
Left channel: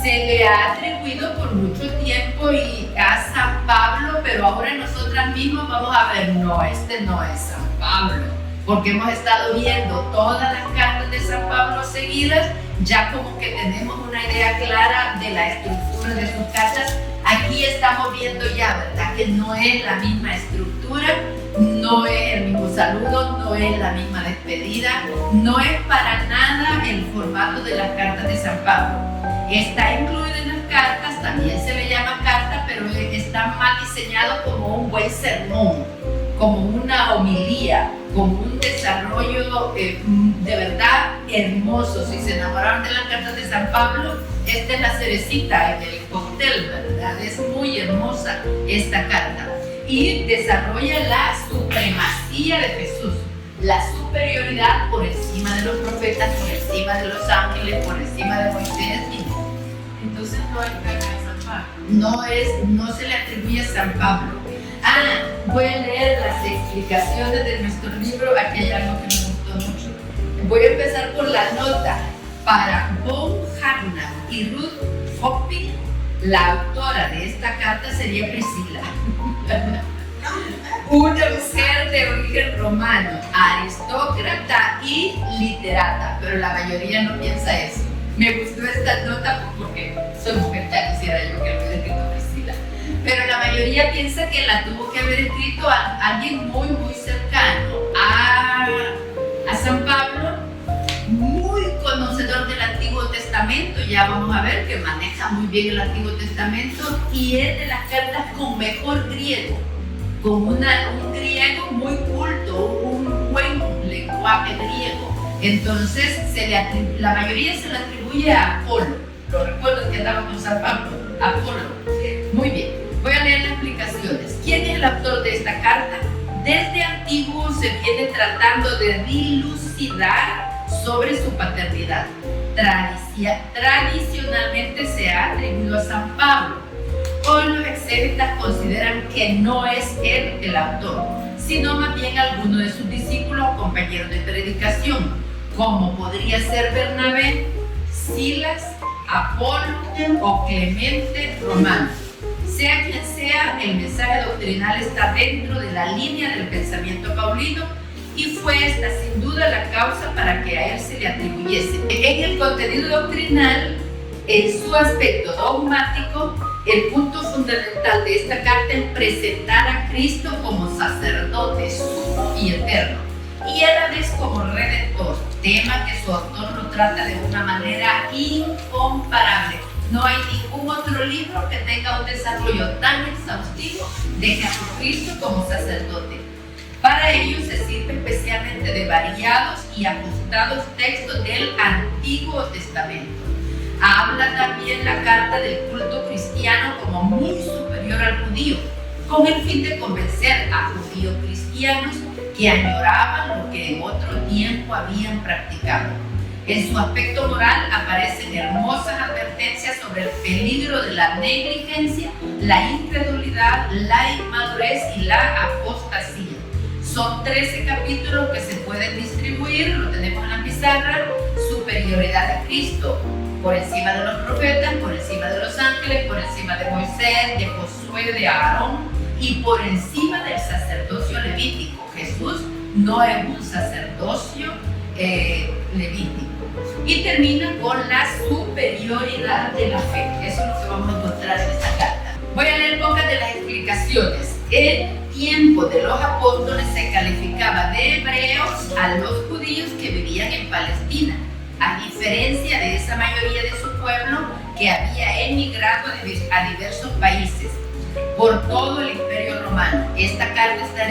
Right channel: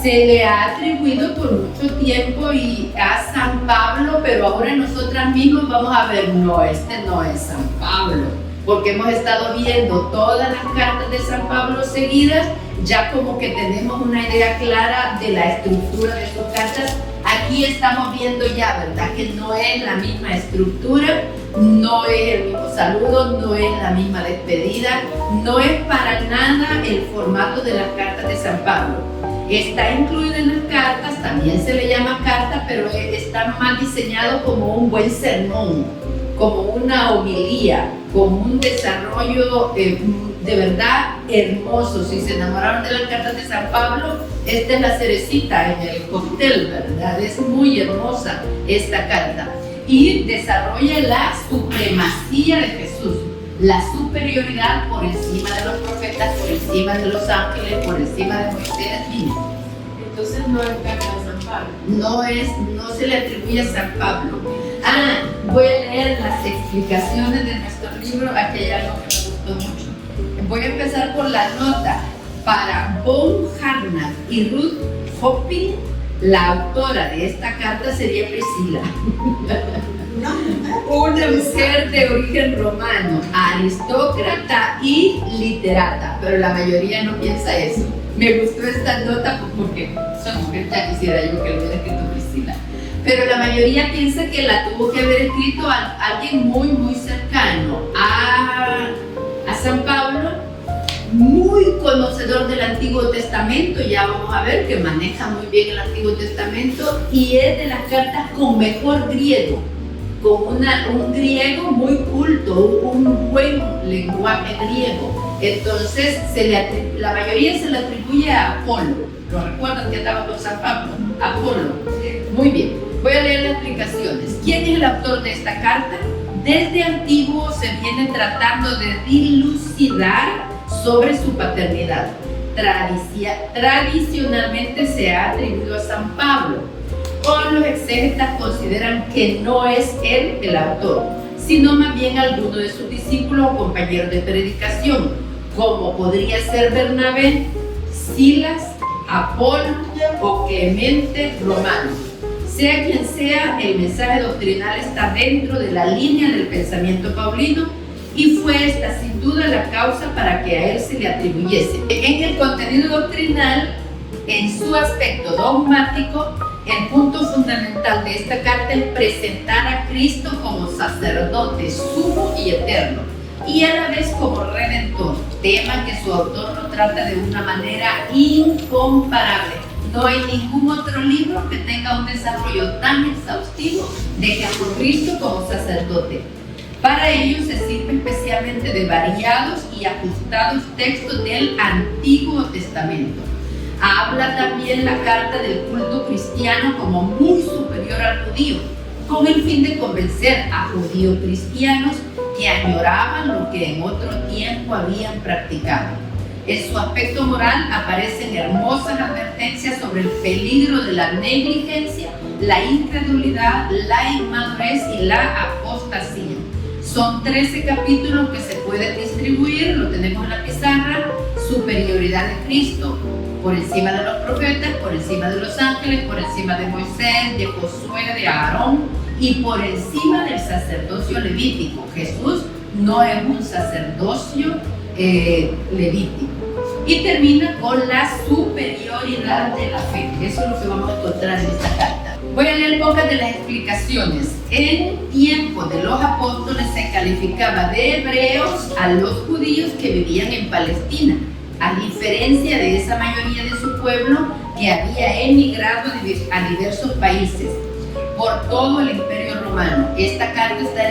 Se le ha atribuido por mucho tiempo y a San Pablo, pero ahora nosotras mismas vamos a ver, no, este no es San Pablo, porque hemos estado viendo todas las cartas de San Pablo seguidas, ya como que tenemos una idea clara de la estructura de sus cartas. Aquí estamos viendo ya, ¿verdad? Que no es la misma estructura, no es el mismo saludo, no es la misma despedida, no es para nada el formato de las cartas de San Pablo. Está incluido en las cartas, también se le llama carta, pero está más diseñado como un buen sermón, como una homilía, como un desarrollo de verdad hermoso. Si se enamoraron de las cartas de San Pablo, esta es la cerecita en el cóctel, ¿verdad? Es muy hermosa esta carta y desarrolla la supremacía de Jesús, la superioridad por encima de los profetas, por encima de los ángeles, por encima de Moisés. Entonces no es carta de San Pablo. No se le atribuye a San Pablo. Voy a leer las explicaciones de nuestro libro, aquí hay algo que me gustó mucho. Voy a empezar por la nota. Para Von Harnack y Ruth Hopping, la autora de esta carta sería Priscila. Una mujer de origen romano, aristócrata y literata, pero la mayoría no piensa eso. Me gustó esta nota porque soy mujer, ya quisiera yo que lo hubiera escrito Priscila. Pero la mayoría piensa que la tuvo que haber escrito alguien muy, muy cercano a San Pablo, muy conocedor del Antiguo Testamento. Ya vamos a ver que maneja muy bien el Antiguo Testamento y es de las cartas con mejor griego, con un griego muy culto, un buen lenguaje griego. Entonces la mayoría se le atribuye a Apolo. ¿Lo recuerdan que andaba con San Pablo? Apolo. Muy bien. Voy a leer las explicaciones. ¿Quién es el autor de esta carta? Desde antiguo se viene tratando de dilucidar sobre su paternidad. Tradicionalmente se ha atribuido a San Pablo. Hoy los exégetas consideran que no es él el autor, sino más bien alguno de sus discípulos o compañeros de predicación, como podría ser Bernabé, Silas, Apolo o Clemente Romano. Sea quien sea, el mensaje doctrinal está dentro de la línea del pensamiento paulino y fue esta sin duda la causa para que a él se le atribuyese. En el contenido doctrinal, en su aspecto dogmático, el punto fundamental de esta carta es presentar a Cristo como sacerdote sumo y eterno, y a la vez como redentor, tema que su autor lo trata de una manera incomparable. No hay ningún otro libro que tenga un desarrollo tan exhaustivo de Jesucristo como sacerdote. Para ello se sirve especialmente de variados y ajustados textos del Antiguo Testamento. Habla también la carta del culto cristiano como muy superior al judío, con el fin de convencer a judíos cristianos que añoraban lo que en otro tiempo habían practicado. En su aspecto moral aparecen hermosas advertencias sobre el peligro de la negligencia, la incredulidad, la inmadurez y la apostasía. Son 13 capítulos que se pueden distribuir, lo tenemos en la pizarra. Superioridad de Cristo, por encima de los profetas, por encima de los ángeles, por encima de Moisés, de Josué, de Aarón y por encima del sacerdocio levítico. Jesús no es un sacerdocio levítico. Y termina con la superioridad de la fe. Eso es lo que vamos a encontrar en esta carta. Voy a leer pocas de las explicaciones. En tiempo de los apóstoles se calificaba de hebreos a los judíos que vivían en Palestina, a diferencia de esa mayoría de su pueblo que había emigrado a diversos países por todo el Imperio Romano. Esta carta está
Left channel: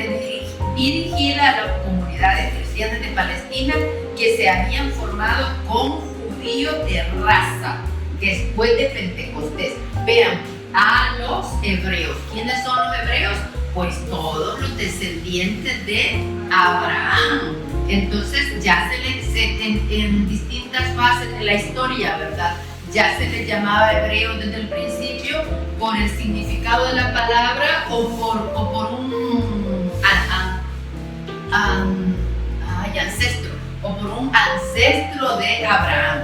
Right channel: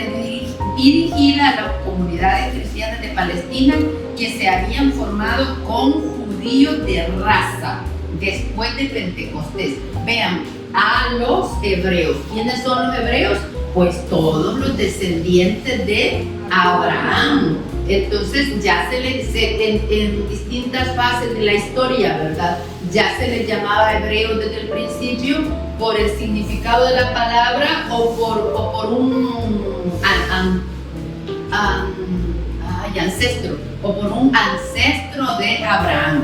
dirigida a las comunidades cristianas de Palestina que se habían formado con judíos de raza después de Pentecostés. Vean, a los hebreos. ¿Quiénes son los hebreos? Pues todos los descendientes de Abraham. Entonces ya en distintas fases de la historia, ¿verdad? Ya se les llamaba hebreos desde el principio por el significado de la palabra o por un ancestro, o por un ancestro de Abraham.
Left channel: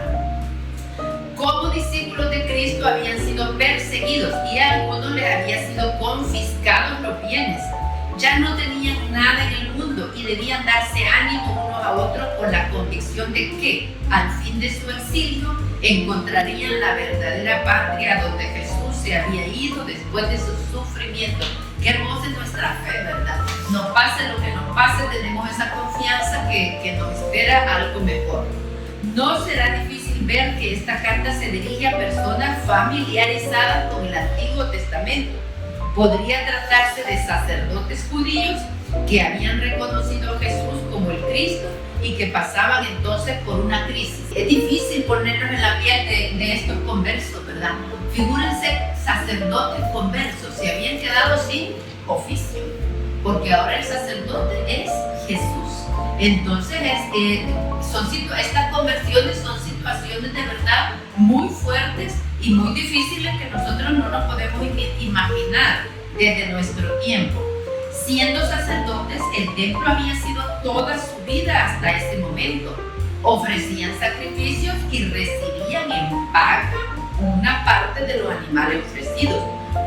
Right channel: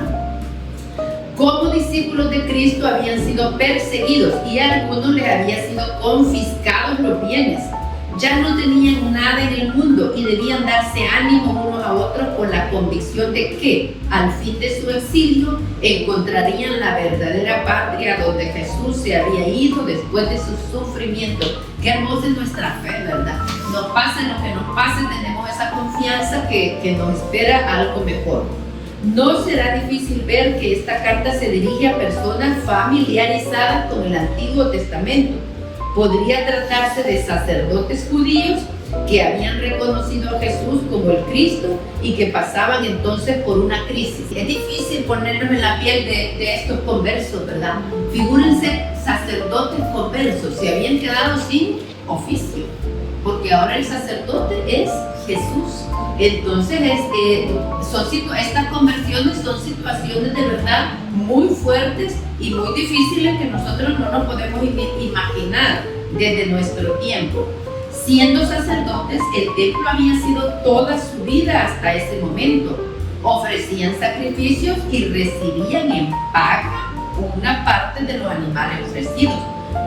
Como discípulos de Cristo habían sido perseguidos y a algunos les habían sido confiscados los bienes. Ya no tenían nada en el mundo y debían darse ánimo unos a otros con la convicción de que al fin de su exilio encontrarían la verdadera patria donde Jesús se había ido después de su sufrimiento. Qué hermosa es nuestra fe, ¿verdad? Nos pase lo que nos pase, tenemos esa confianza que nos espera algo mejor. No será difícil ver que esta carta se dirige a personas familiarizadas con el Antiguo Testamento. Podría tratarse de sacerdotes judíos que habían reconocido a Jesús como el Cristo y que pasaban entonces por una crisis. Es difícil ponernos en la piel de estos conversos, ¿verdad? Figúrense sacerdotes conversos, se habían quedado sin oficio, porque ahora el sacerdote es Jesús. Entonces, estas conversiones son situaciones de verdad muy fuertes y muy difíciles que nosotros no nos podemos imaginar desde nuestro tiempo. Siendo sacerdotes, el templo había sido toda su vida hasta ese momento. Ofrecían sacrificios y recibían en paga una parte de los animales ofrecidos.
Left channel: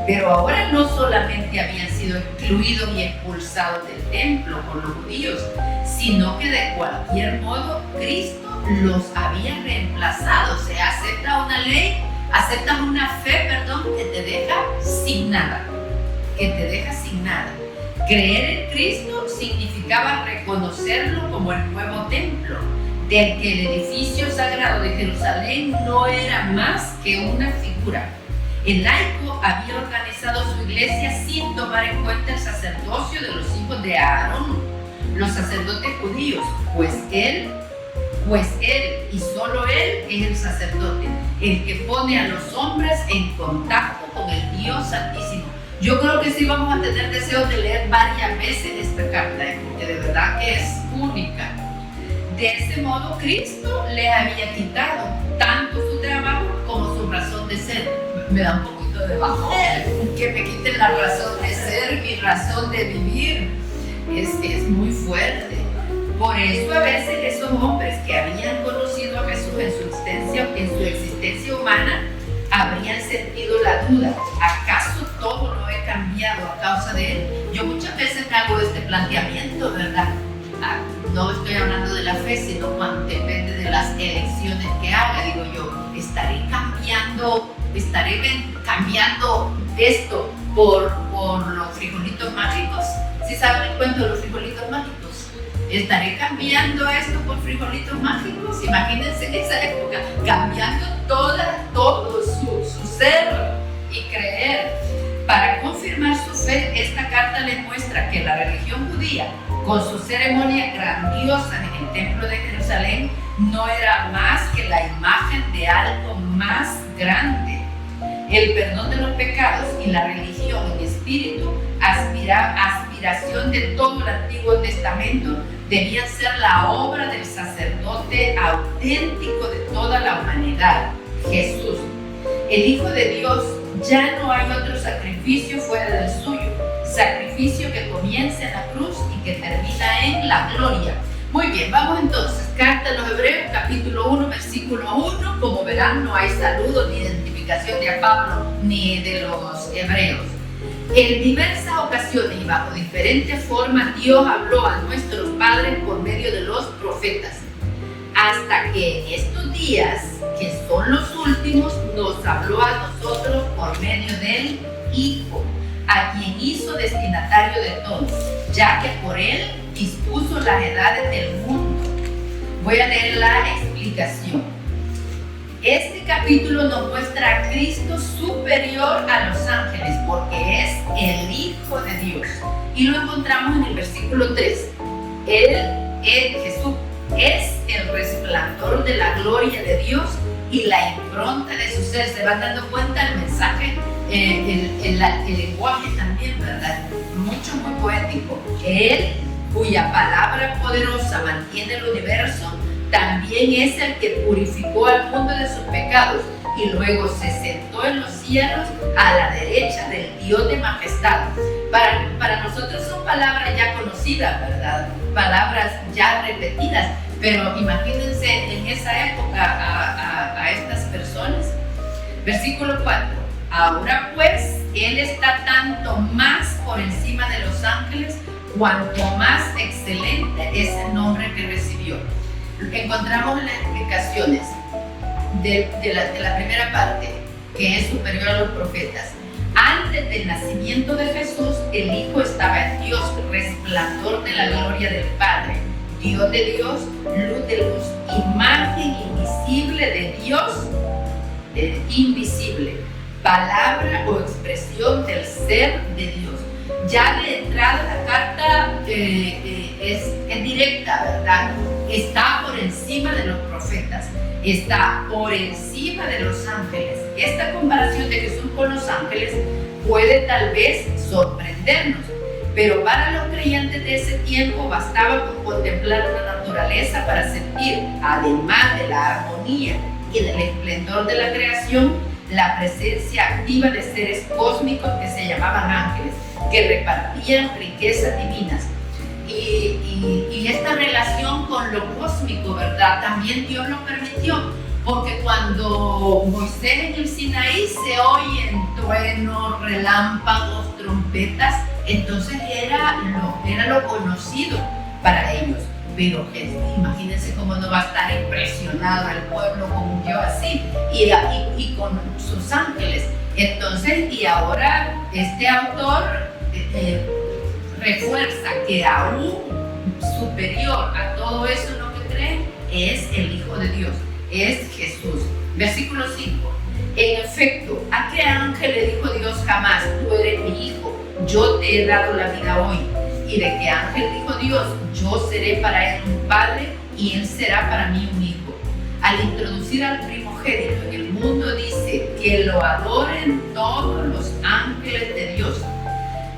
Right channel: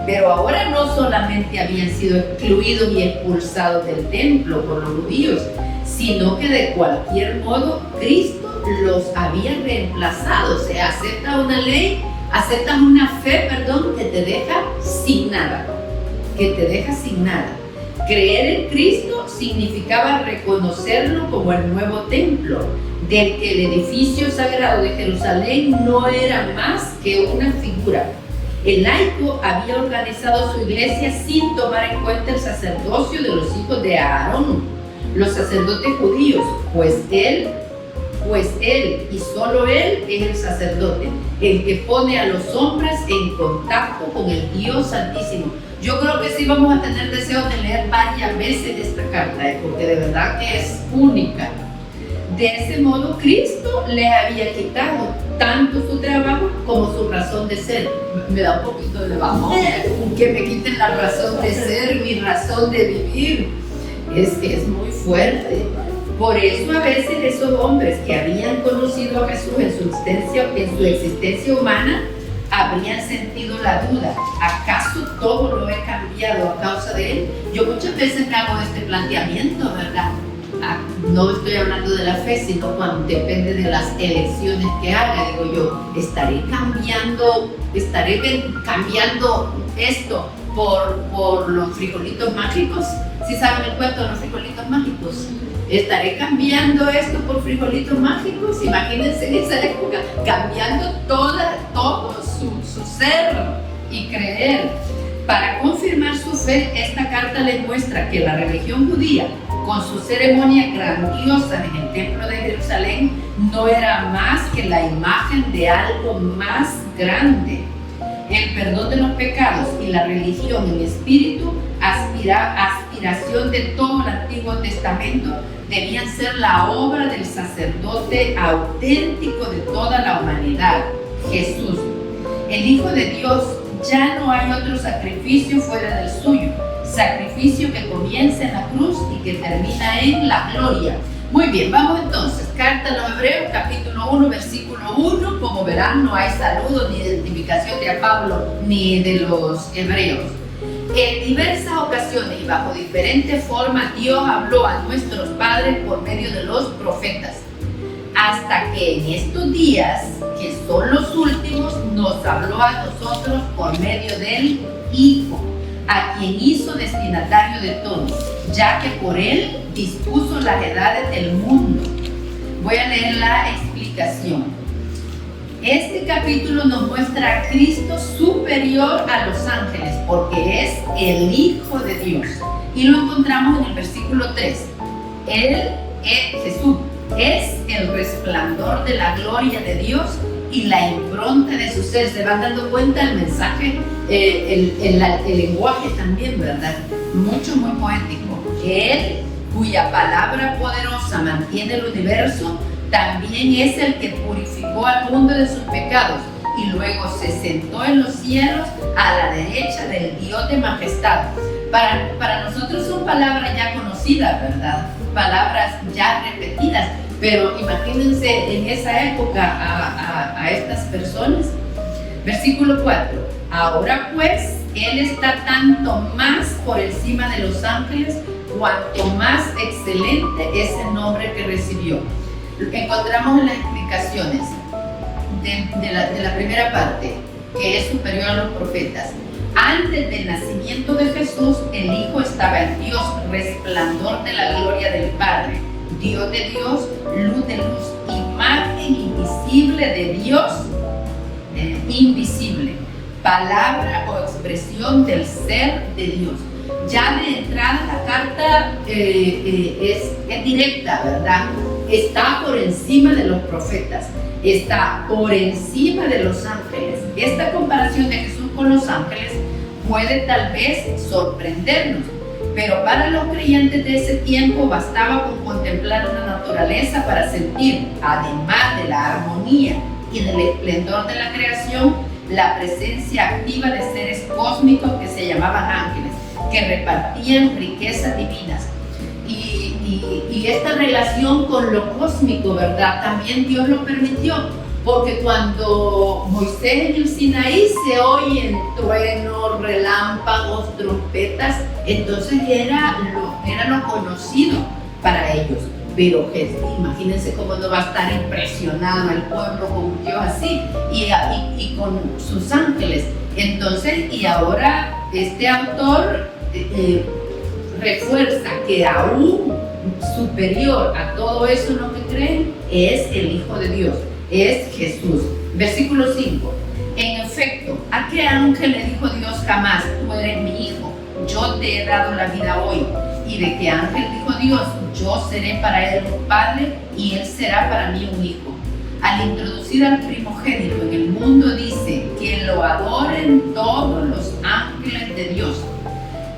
Pero ahora no solamente habían sido excluidos y expulsados del templo por los judíos, sino que de cualquier modo Cristo los había reemplazado. O sea, aceptan una fe, que te deja sin nada. Creer en Cristo significaba reconocerlo como el nuevo templo, del que el edificio sagrado de Jerusalén no era más que una figura. El laico había organizado su iglesia sin tomar en cuenta el sacerdocio de los hijos de Aarón, los sacerdotes judíos, pues él y solo él es el sacerdote, el que pone a los hombres en contacto con el Dios Santísimo. Yo creo que sí vamos a tener deseo de leer varias veces esta carta, porque de verdad que es única. De ese modo, Cristo les había quitado tanto su trabajo como su razón de ser. Me da un poquito de bajón que me quiten la razón de ser, mi razón de vivir. Es muy fuerte. Por eso a veces esos hombres que habían conocido a Jesús en su existencia humana habrían sentido la duda: ¿acaso todo lo he cambiado a causa de Él. Yo muchas veces me hago este planteamiento, ¿verdad? No estoy hablando de la fe, sino cuando depende de las elecciones que haga. Digo yo, estaré cambiando esto por los frijolitos mágicos. ¿Sí saben el cuento de los frijolitos mágicos? ¿Estaré cambiando esto por frijolitos mágicos? Imagínense en esa época, cambiando todo su ser y creer. Para confirmar su fe, esta carta les muestra que la religión judía, con sus ceremonias grandiosas en el templo de Jerusalén, no era más que la imagen de algo más grande. El perdón de los pecados y la religión en espíritu, aspiración de todo el Antiguo Testamento, debían ser la obra del sacerdote auténtico de toda la humanidad, Jesús. El Hijo de Dios, ya no hay otro sacrificio fuera del suyo, sacrificio que comienza en la cruz y que termina en la gloria. Muy bien, vamos entonces, carta a los Hebreos, capítulo 1, versículo 1. Como verán, no hay saludo ni identificación de Pablo ni de los hebreos. En diversas ocasiones y bajo diferentes formas, Dios habló a nuestros padres por medio de los profetas, hasta que en estos días, que son los últimos, nos habló a nosotros por medio del Hijo, a quien hizo destinatario de todo, ya que por él dispuso las edades del mundo. Voy a leer la explicación. Este capítulo nos muestra a Cristo superior a los ángeles, porque es el Hijo de Dios. Y lo encontramos en el versículo 3. Jesús es el resplandor de la gloria de Dios y la impronta de su ser. Se van dando cuenta el mensaje, el lenguaje también, ¿verdad? Muy poético. Él, cuya palabra poderosa mantiene el universo, también es el que purificó al mundo de sus pecados y luego se sentó en los cielos a la derecha del Dios de majestad. Para nosotros son palabras ya conocidas, ¿verdad? Palabras ya repetidas, pero imagínense en esa época a estas personas. Versículo 4. Ahora pues, Él está tanto más por encima de los ángeles, cuanto más excelente es el nombre que recibió. Encontramos en las explicaciones de la primera parte, que es superior a los profetas. Antes del nacimiento de Jesús, el Hijo estaba en Dios, resplandor de la gloria del Padre, Dios de Dios, luz de luz, imagen invisible de Dios, invisible, palabra o expresión del ser de Dios. Ya de entrada la carta es directa, ¿verdad? Está por encima de los profetas, está por encima de los ángeles. Esta comparación de Jesús con los ángeles puede tal vez sorprendernos, pero para los creyentes de ese tiempo bastaba con contemplar una naturaleza para sentir, además de la armonía y del esplendor de la creación, la presencia activa de seres cósmicos que se llamaban ángeles, que repartían riquezas divinas. Y esta relación con lo cósmico, ¿verdad? También Dios lo permitió, porque cuando Moisés en el Sinaí se oyen truenos, relámpagos, trompetas, entonces era lo conocido para ellos. Pero imagínense cómo no va a estar impresionado el pueblo con un Dios así y con sus ángeles. Entonces, y ahora este autor refuerza que aún superior a todo eso en lo que creen es el Hijo de Dios, es Jesús. Versículo 5. En efecto, ¿a qué ángel le dijo Dios jamás: tú eres mi hijo, yo te he dado la vida hoy? ¿Y de qué ángel dijo Dios: yo seré para él un padre y él será para mí un hijo? Al introducir al primogénito en el mundo dice que lo adoren todos los ángeles de Dios.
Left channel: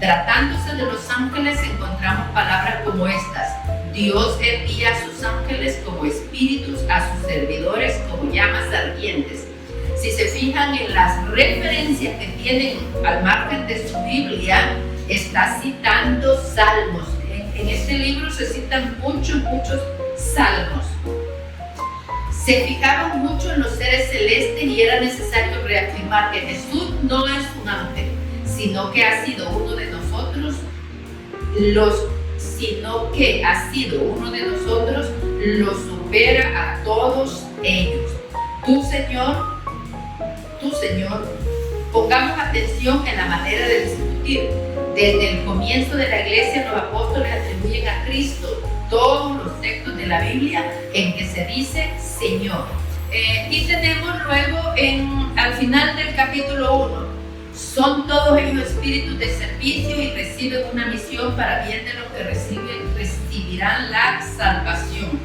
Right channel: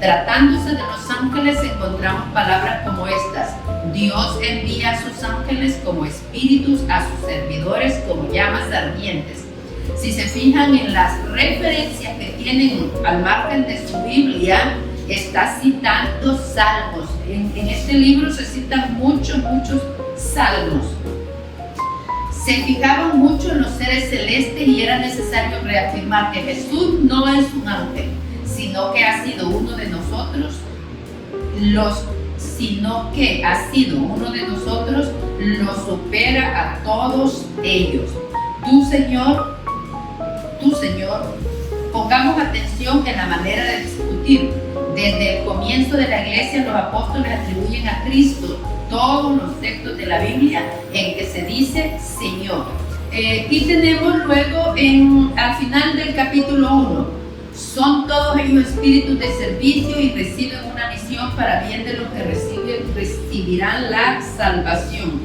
Tratándose de los ángeles encontramos palabras como estas: Dios envía a sus ángeles como espíritus, a sus servidores como llamas ardientes. Si se fijan en las referencias que tienen al margen de su Biblia, está citando salmos. En este libro se citan muchos salmos. Se fijaban mucho en los seres celestes y era necesario reafirmar que Jesús no es un ángel, sino que ha sido uno de nosotros, los supera a todos ellos. Tú, Señor, pongamos atención en la manera de discutir. Desde el comienzo de la iglesia, los apóstoles atribuyen a Cristo todos los textos de la Biblia en que se dice Señor. Y tenemos luego al final del capítulo 1, son todos ellos espíritus de servicio y reciben una misión para bien de los que recibirán la salvación.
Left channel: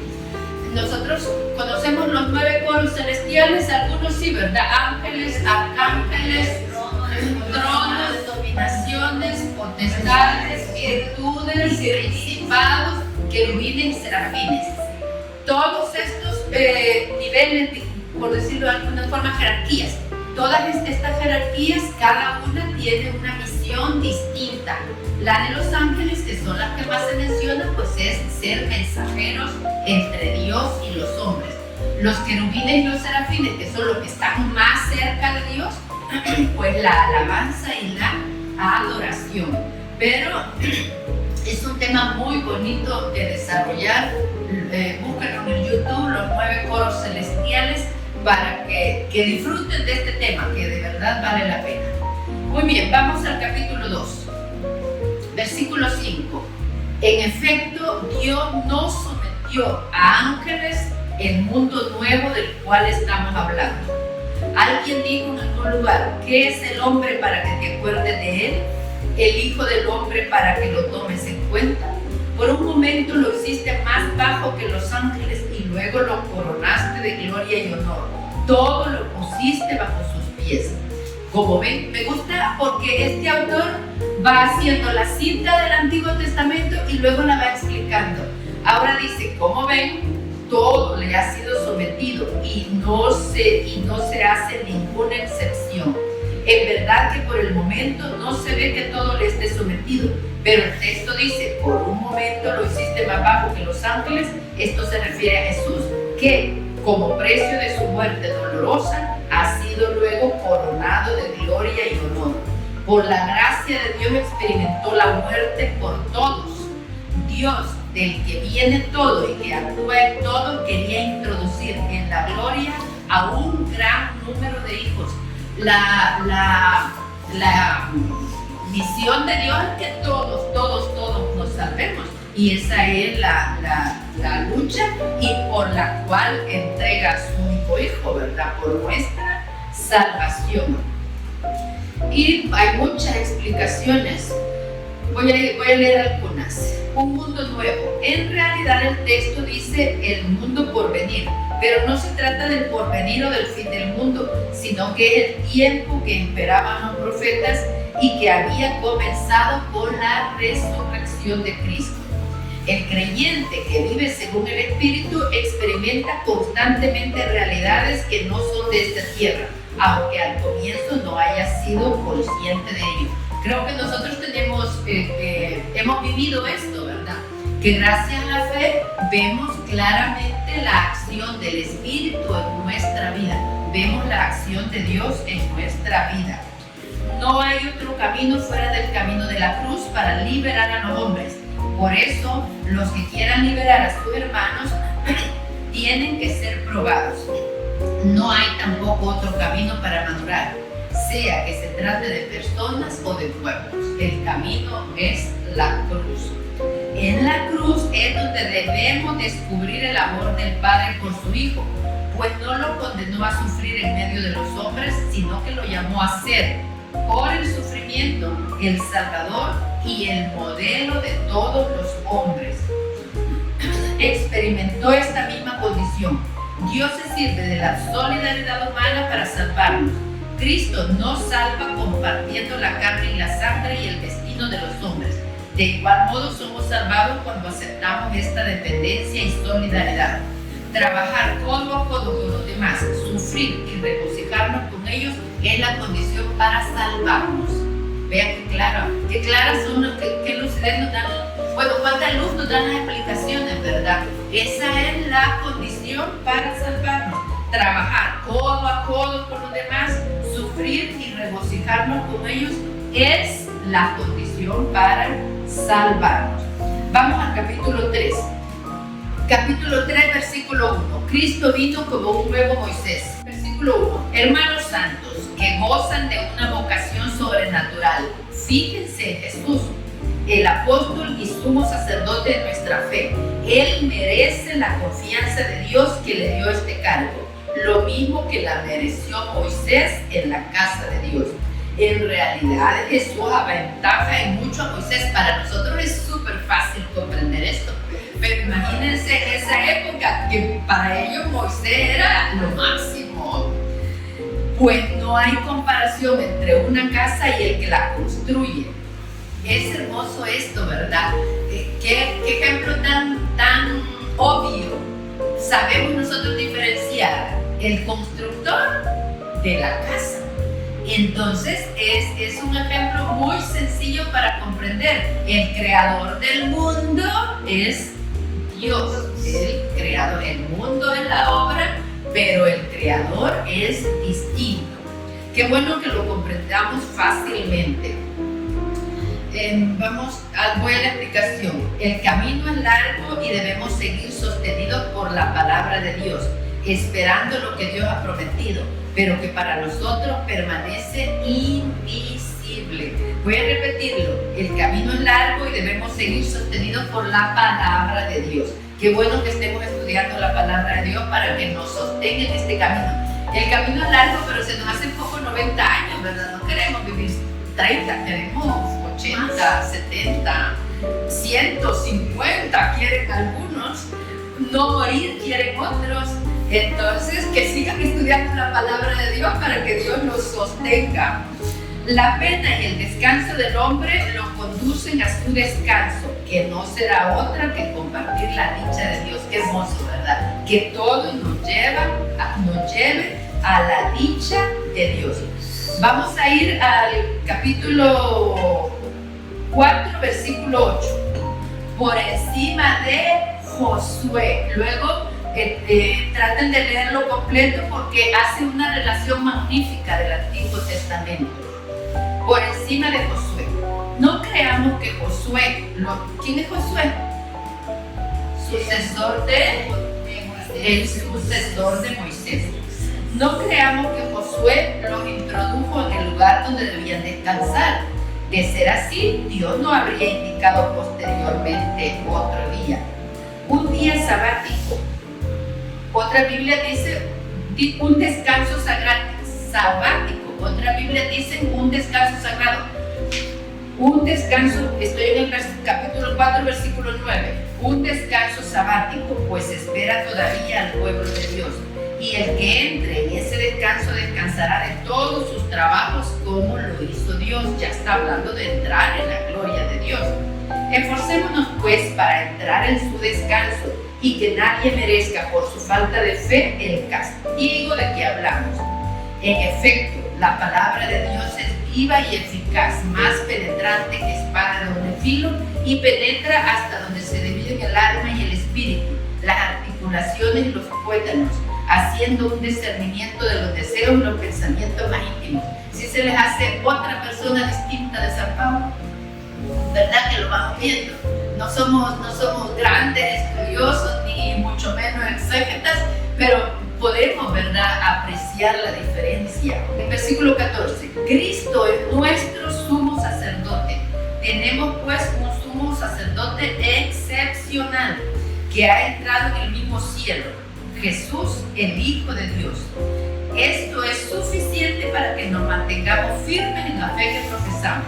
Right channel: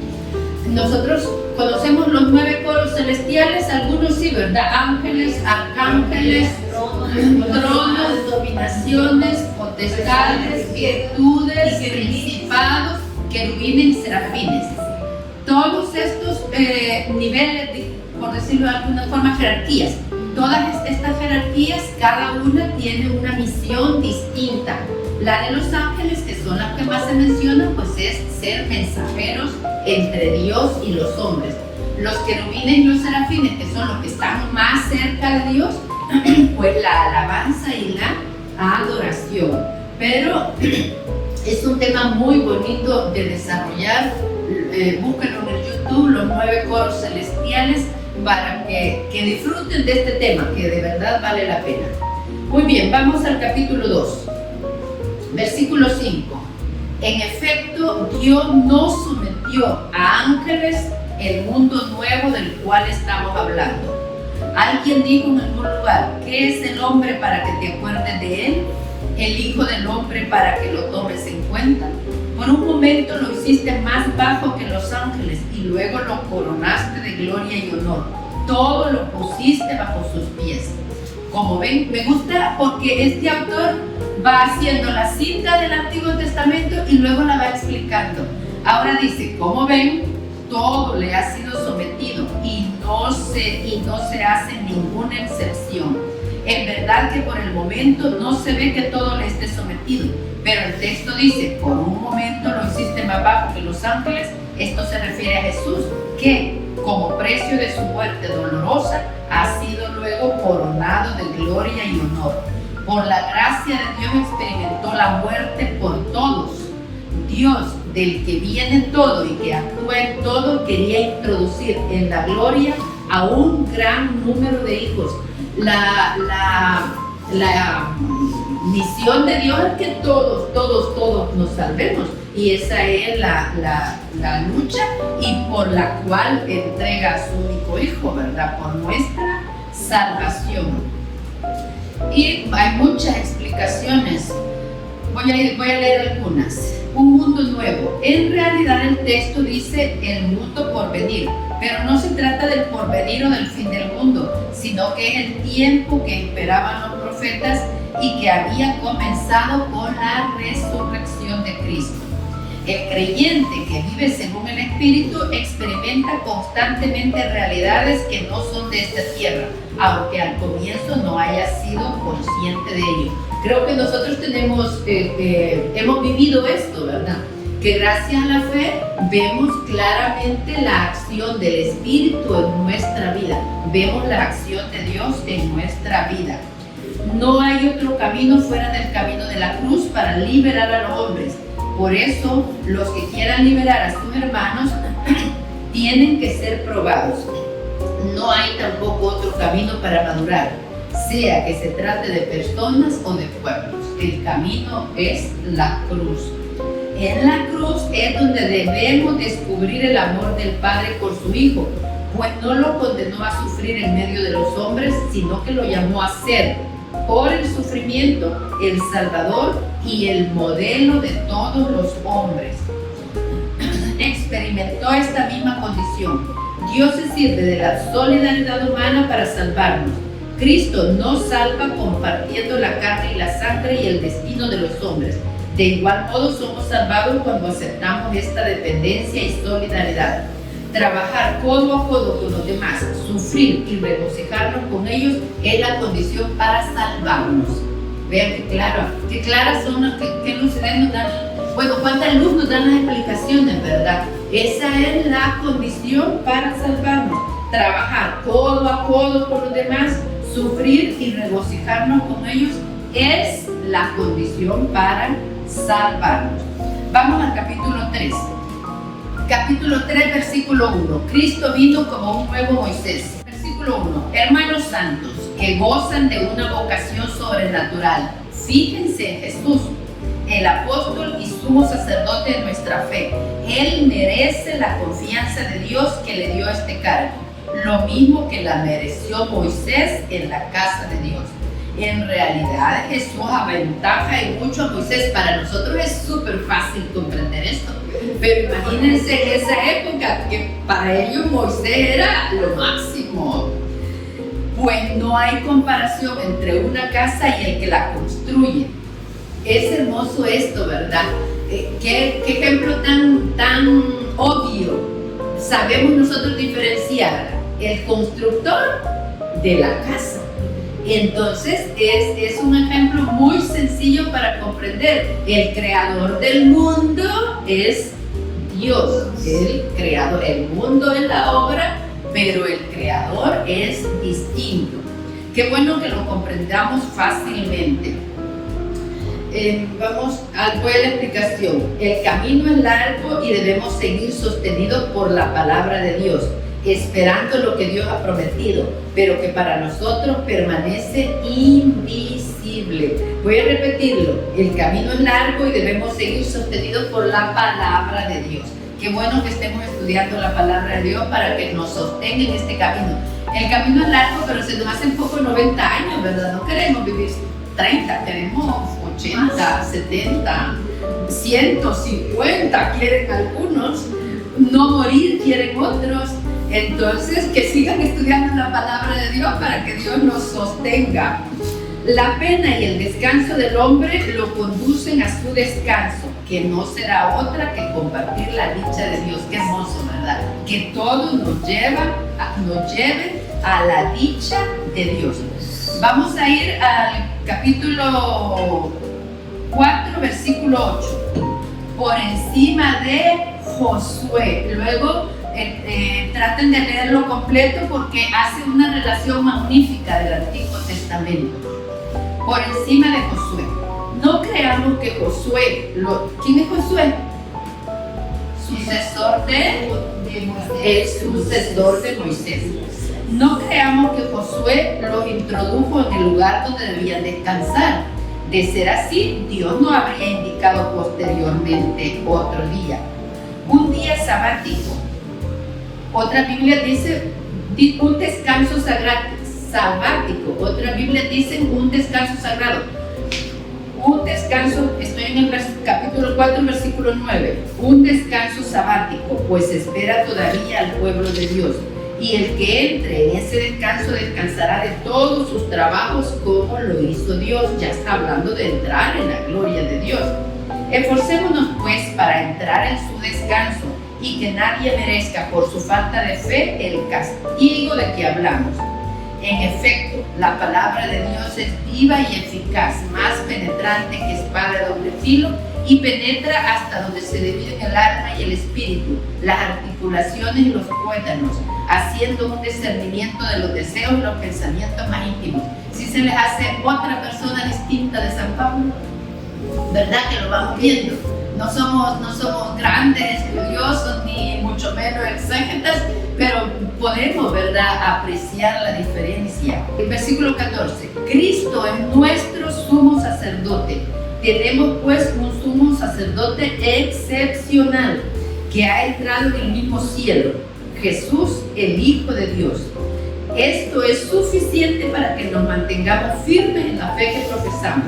Nosotros conocemos los 9 coros celestiales, algunos sí, ¿verdad? Ángeles, arcángeles, tronos, dominaciones, potestades, virtudes, principados, querubines y serafines. Todos estos niveles, por decirlo de alguna forma, jerarquías. Todas estas jerarquías, cada una tiene una misión distinta. La de los ángeles, que son las que más se mencionan, pues es ser mensajeros entre Dios y los hombres. Los querubines y los serafines, que son los que están más cerca de Dios, pues la alabanza y la adoración. Pero es un tema muy bonito de desarrollar. Búsquenlo en YouTube, los 9 coros celestiales, para que disfruten de este tema, que de verdad vale la pena. Muy bien, vamos al capítulo 2, versículo 5. En efecto, Dios no sometió a ángeles el mundo nuevo del cual estamos hablando. Alguien dijo en algún lugar: ¿qué es el hombre para que te acuerdes de él? El hijo del hombre para que lo tomes en cuenta. Por un momento lo hiciste más bajo que los ángeles y luego lo coronaste de gloria y honor. Todo lo pusiste bajo sus pies. Como ven, me gusta porque este autor va haciendo la cita del Antiguo Testamento y luego la va explicando. Ahora dice, como ven, todo le ha sido sometido y no se hace ninguna excepción. En verdad que por el momento no se ve que todo le esté sometido, pero el texto dice, por un momento lo hiciste más bajo que los ángeles. Esto se refiere a Jesús, que como precio de su muerte dolorosa ha sido luego coronado de gloria y honor. Por la gracia de Dios experimentó la muerte por todos. Dios, del que viene todo y que actúa en todo, quería introducir en la gloria a un gran número de hijos. La misión de Dios es que todos nos salvemos, y esa es la lucha y por la cual entrega a su único hijo, ¿verdad? Por nuestra salvación. Y hay muchas explicaciones. Voy a leer algunas. Un mundo nuevo. En realidad el texto dice el mundo por venir, pero no se trata del porvenir o del fin del mundo, sino que es el tiempo que esperaban los profetas y que había comenzado con la resurrección de Cristo. El creyente que vive según el Espíritu experimenta constantemente realidades que no son de esta tierra, aunque al comienzo no haya sido consciente de ello. Creo que nosotros hemos vivido esto, ¿verdad? Que gracias a la fe vemos claramente la acción del Espíritu en nuestra vida. Vemos la acción de Dios en nuestra vida. No hay otro camino fuera del camino de la cruz para liberar a los hombres. Por eso, los que quieran liberar a sus hermanos tienen que ser probados. No hay tampoco otro camino para madurar, sea que se trate de personas o de pueblos. El camino es la cruz. En la cruz es donde debemos descubrir el amor del Padre por su Hijo, pues no lo condenó a sufrir en medio de los hombres, sino que lo llamó a ser, por el sufrimiento, el Salvador y el modelo de todos los hombres. Experimentó esta misma condición. Dios se sirve de la solidaridad humana para salvarnos. Cristo nos salva compartiendo la carne y la sangre y el destino de los hombres. De igual modo somos salvados cuando aceptamos esta dependencia y solidaridad. Trabajar codo a codo con los demás, sufrir y regocijarnos con ellos es la condición para salvarnos. Vean qué claras son, qué lucidez nos dan. Bueno, cuánta luz nos dan las explicaciones, ¿verdad? Esa es la condición para salvarnos. Trabajar codo a codo con los demás, sufrir y regocijarnos con ellos es la condición para salvarnos. Vamos al capítulo 3. Capítulo 3, versículo 1. Cristo vino como un nuevo Moisés. Versículo 1. Hermanos santos que gozan de una vocación sobrenatural, fíjense en Jesús, el apóstol y sumo sacerdote de nuestra fe. Él merece la confianza de Dios que le dio este cargo, lo mismo que la mereció Moisés en la casa de Dios. En realidad Jesús aventaja en mucho a Moisés. Para nosotros es súper fácil comprender esto, pero imagínense en esa época que para ellos Moisés era lo máximo. Pues no hay comparación entre una casa y el que la construye. Es hermoso esto, ¿verdad? ¿Qué ejemplo tan obvio? Sabemos nosotros diferenciar el constructor de la casa. Entonces es un ejemplo muy sencillo para comprender. El creador del mundo es Dios, el creador. El mundo es la obra, pero el creador es distinto. Qué bueno que lo comprendamos fácilmente. Voy a la explicación. El camino es largo y debemos seguir sostenidos por la palabra de Dios, esperando lo que Dios ha prometido, pero que para nosotros permanece invisible. Voy a repetirlo. El camino es largo y debemos seguir sostenidos por la palabra de Dios. Qué bueno que estemos estudiando la palabra de Dios para que nos sostenga en este camino. El camino es largo, pero se nos hacen poco 90 años, ¿verdad? No queremos vivir 30, queremos 80, 70, 150, quieren algunos. No morir quieren otros. Entonces, que sigan estudiando la palabra de Dios para que Dios nos sostenga. La pena y el descanso del hombre lo conducen a su descanso, que no será otra que compartir la dicha de Dios. Qué hermoso, ¿verdad? Que todo nos lleve a la dicha de Dios. Vamos a ir al capítulo 4, versículo 8. Por encima de Josué. Luego traten de leerlo completo porque hace una relación magnífica del Antiguo Testamento. Por encima de Josué. No creamos que Josué, ¿quién es Josué? El sucesor de Moisés. No creamos que Josué los introdujo en el lugar donde debían descansar. De ser así, Dios no habría indicado posteriormente otro día. Un día sabático. Otra Biblia dice un descanso sabático. Otra Biblia dice un descanso sagrado. Un descanso, estoy en el capítulo 4, versículo 9. Un descanso sabático, pues espera todavía al pueblo de Dios. Y el que entre en ese descanso descansará de todos sus trabajos como lo hizo Dios. Ya está hablando de entrar en la gloria de Dios. Esforcémonos pues para entrar en su descanso y que nadie merezca por su falta de fe el castigo de que hablamos. En efecto, la palabra de Dios es viva y eficaz, más penetrante que espada de doble filo, y penetra hasta donde se dividen el alma y el espíritu, las articulaciones y los tuétanos, haciendo un discernimiento de los deseos y los pensamientos más íntimos. Si se les hace otra persona distinta de San Pablo, ¿verdad que lo vamos viendo? No somos grandes estudiosos ni mucho menos exégetas, pero podemos, ¿verdad?, apreciar la diferencia. El versículo 14. Cristo es nuestro sumo sacerdote. Tenemos pues un sumo sacerdote excepcional que ha entrado en el mismo cielo, Jesús, el Hijo de Dios. Esto es suficiente para que nos mantengamos firmes en la fe que profesamos.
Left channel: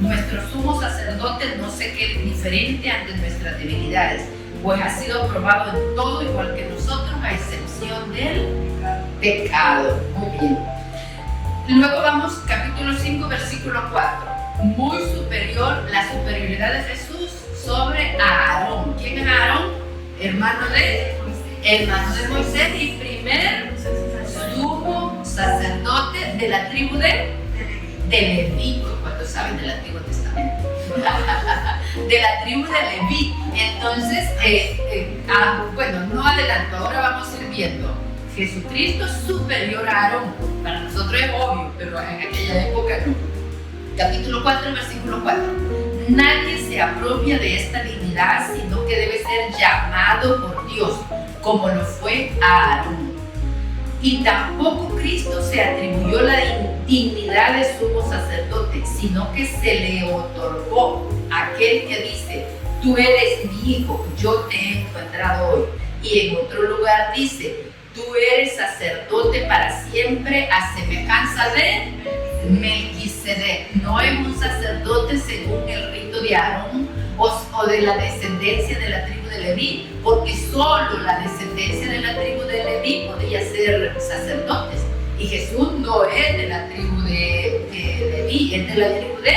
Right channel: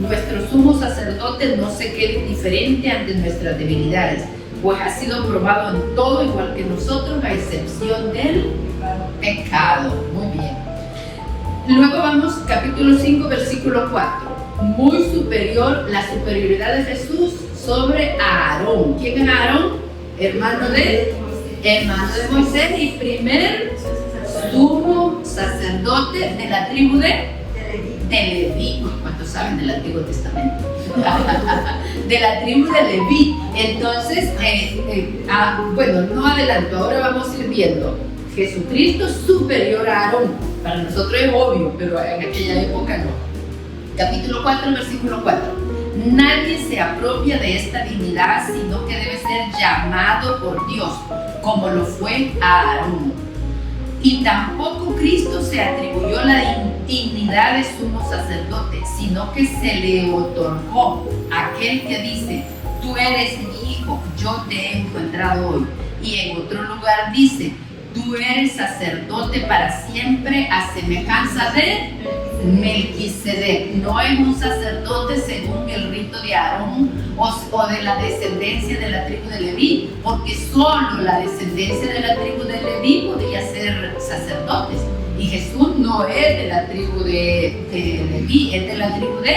Nuestro sumo sacerdote no se quede indiferente ante nuestras debilidades, pues ha sido probado en todo igual que nosotros, a excepción del pecado. Muy bien. Luego vamos, capítulo 5, versículo 4. Muy superior, la superioridad de Jesús sobre Aarón. ¿Quién es Aarón? Hermano de Moisés y primer sumo sacerdote de la tribu de Leví. ¿Cuántos saben del Antiguo Testamento? De la tribu de Leví. Entonces, bueno, no adelanto, ahora vamos a ir viendo. Jesucristo superior a Aarón. Para nosotros es obvio, pero en aquella época no. Capítulo 4, versículo 4. Nadie se apropia de esta dignidad, sino que debe ser llamado por Dios, como lo fue a Aarón. Y tampoco Cristo se atribuyó la dignidad de sumo sacerdote, sino que se le otorgó aquel que dice: tú eres mi hijo, yo te he engendrado hoy. Y en otro lugar dice: tú eres sacerdote para siempre, a semejanza de Melquisedec. No es un sacerdote según el rito de Aarón o de la descendencia de la tribu de Leví, porque solo la descendencia de la tribu de Leví podía ser sacerdotes. Y Jesús no es de la tribu de Leví, es de la tribu de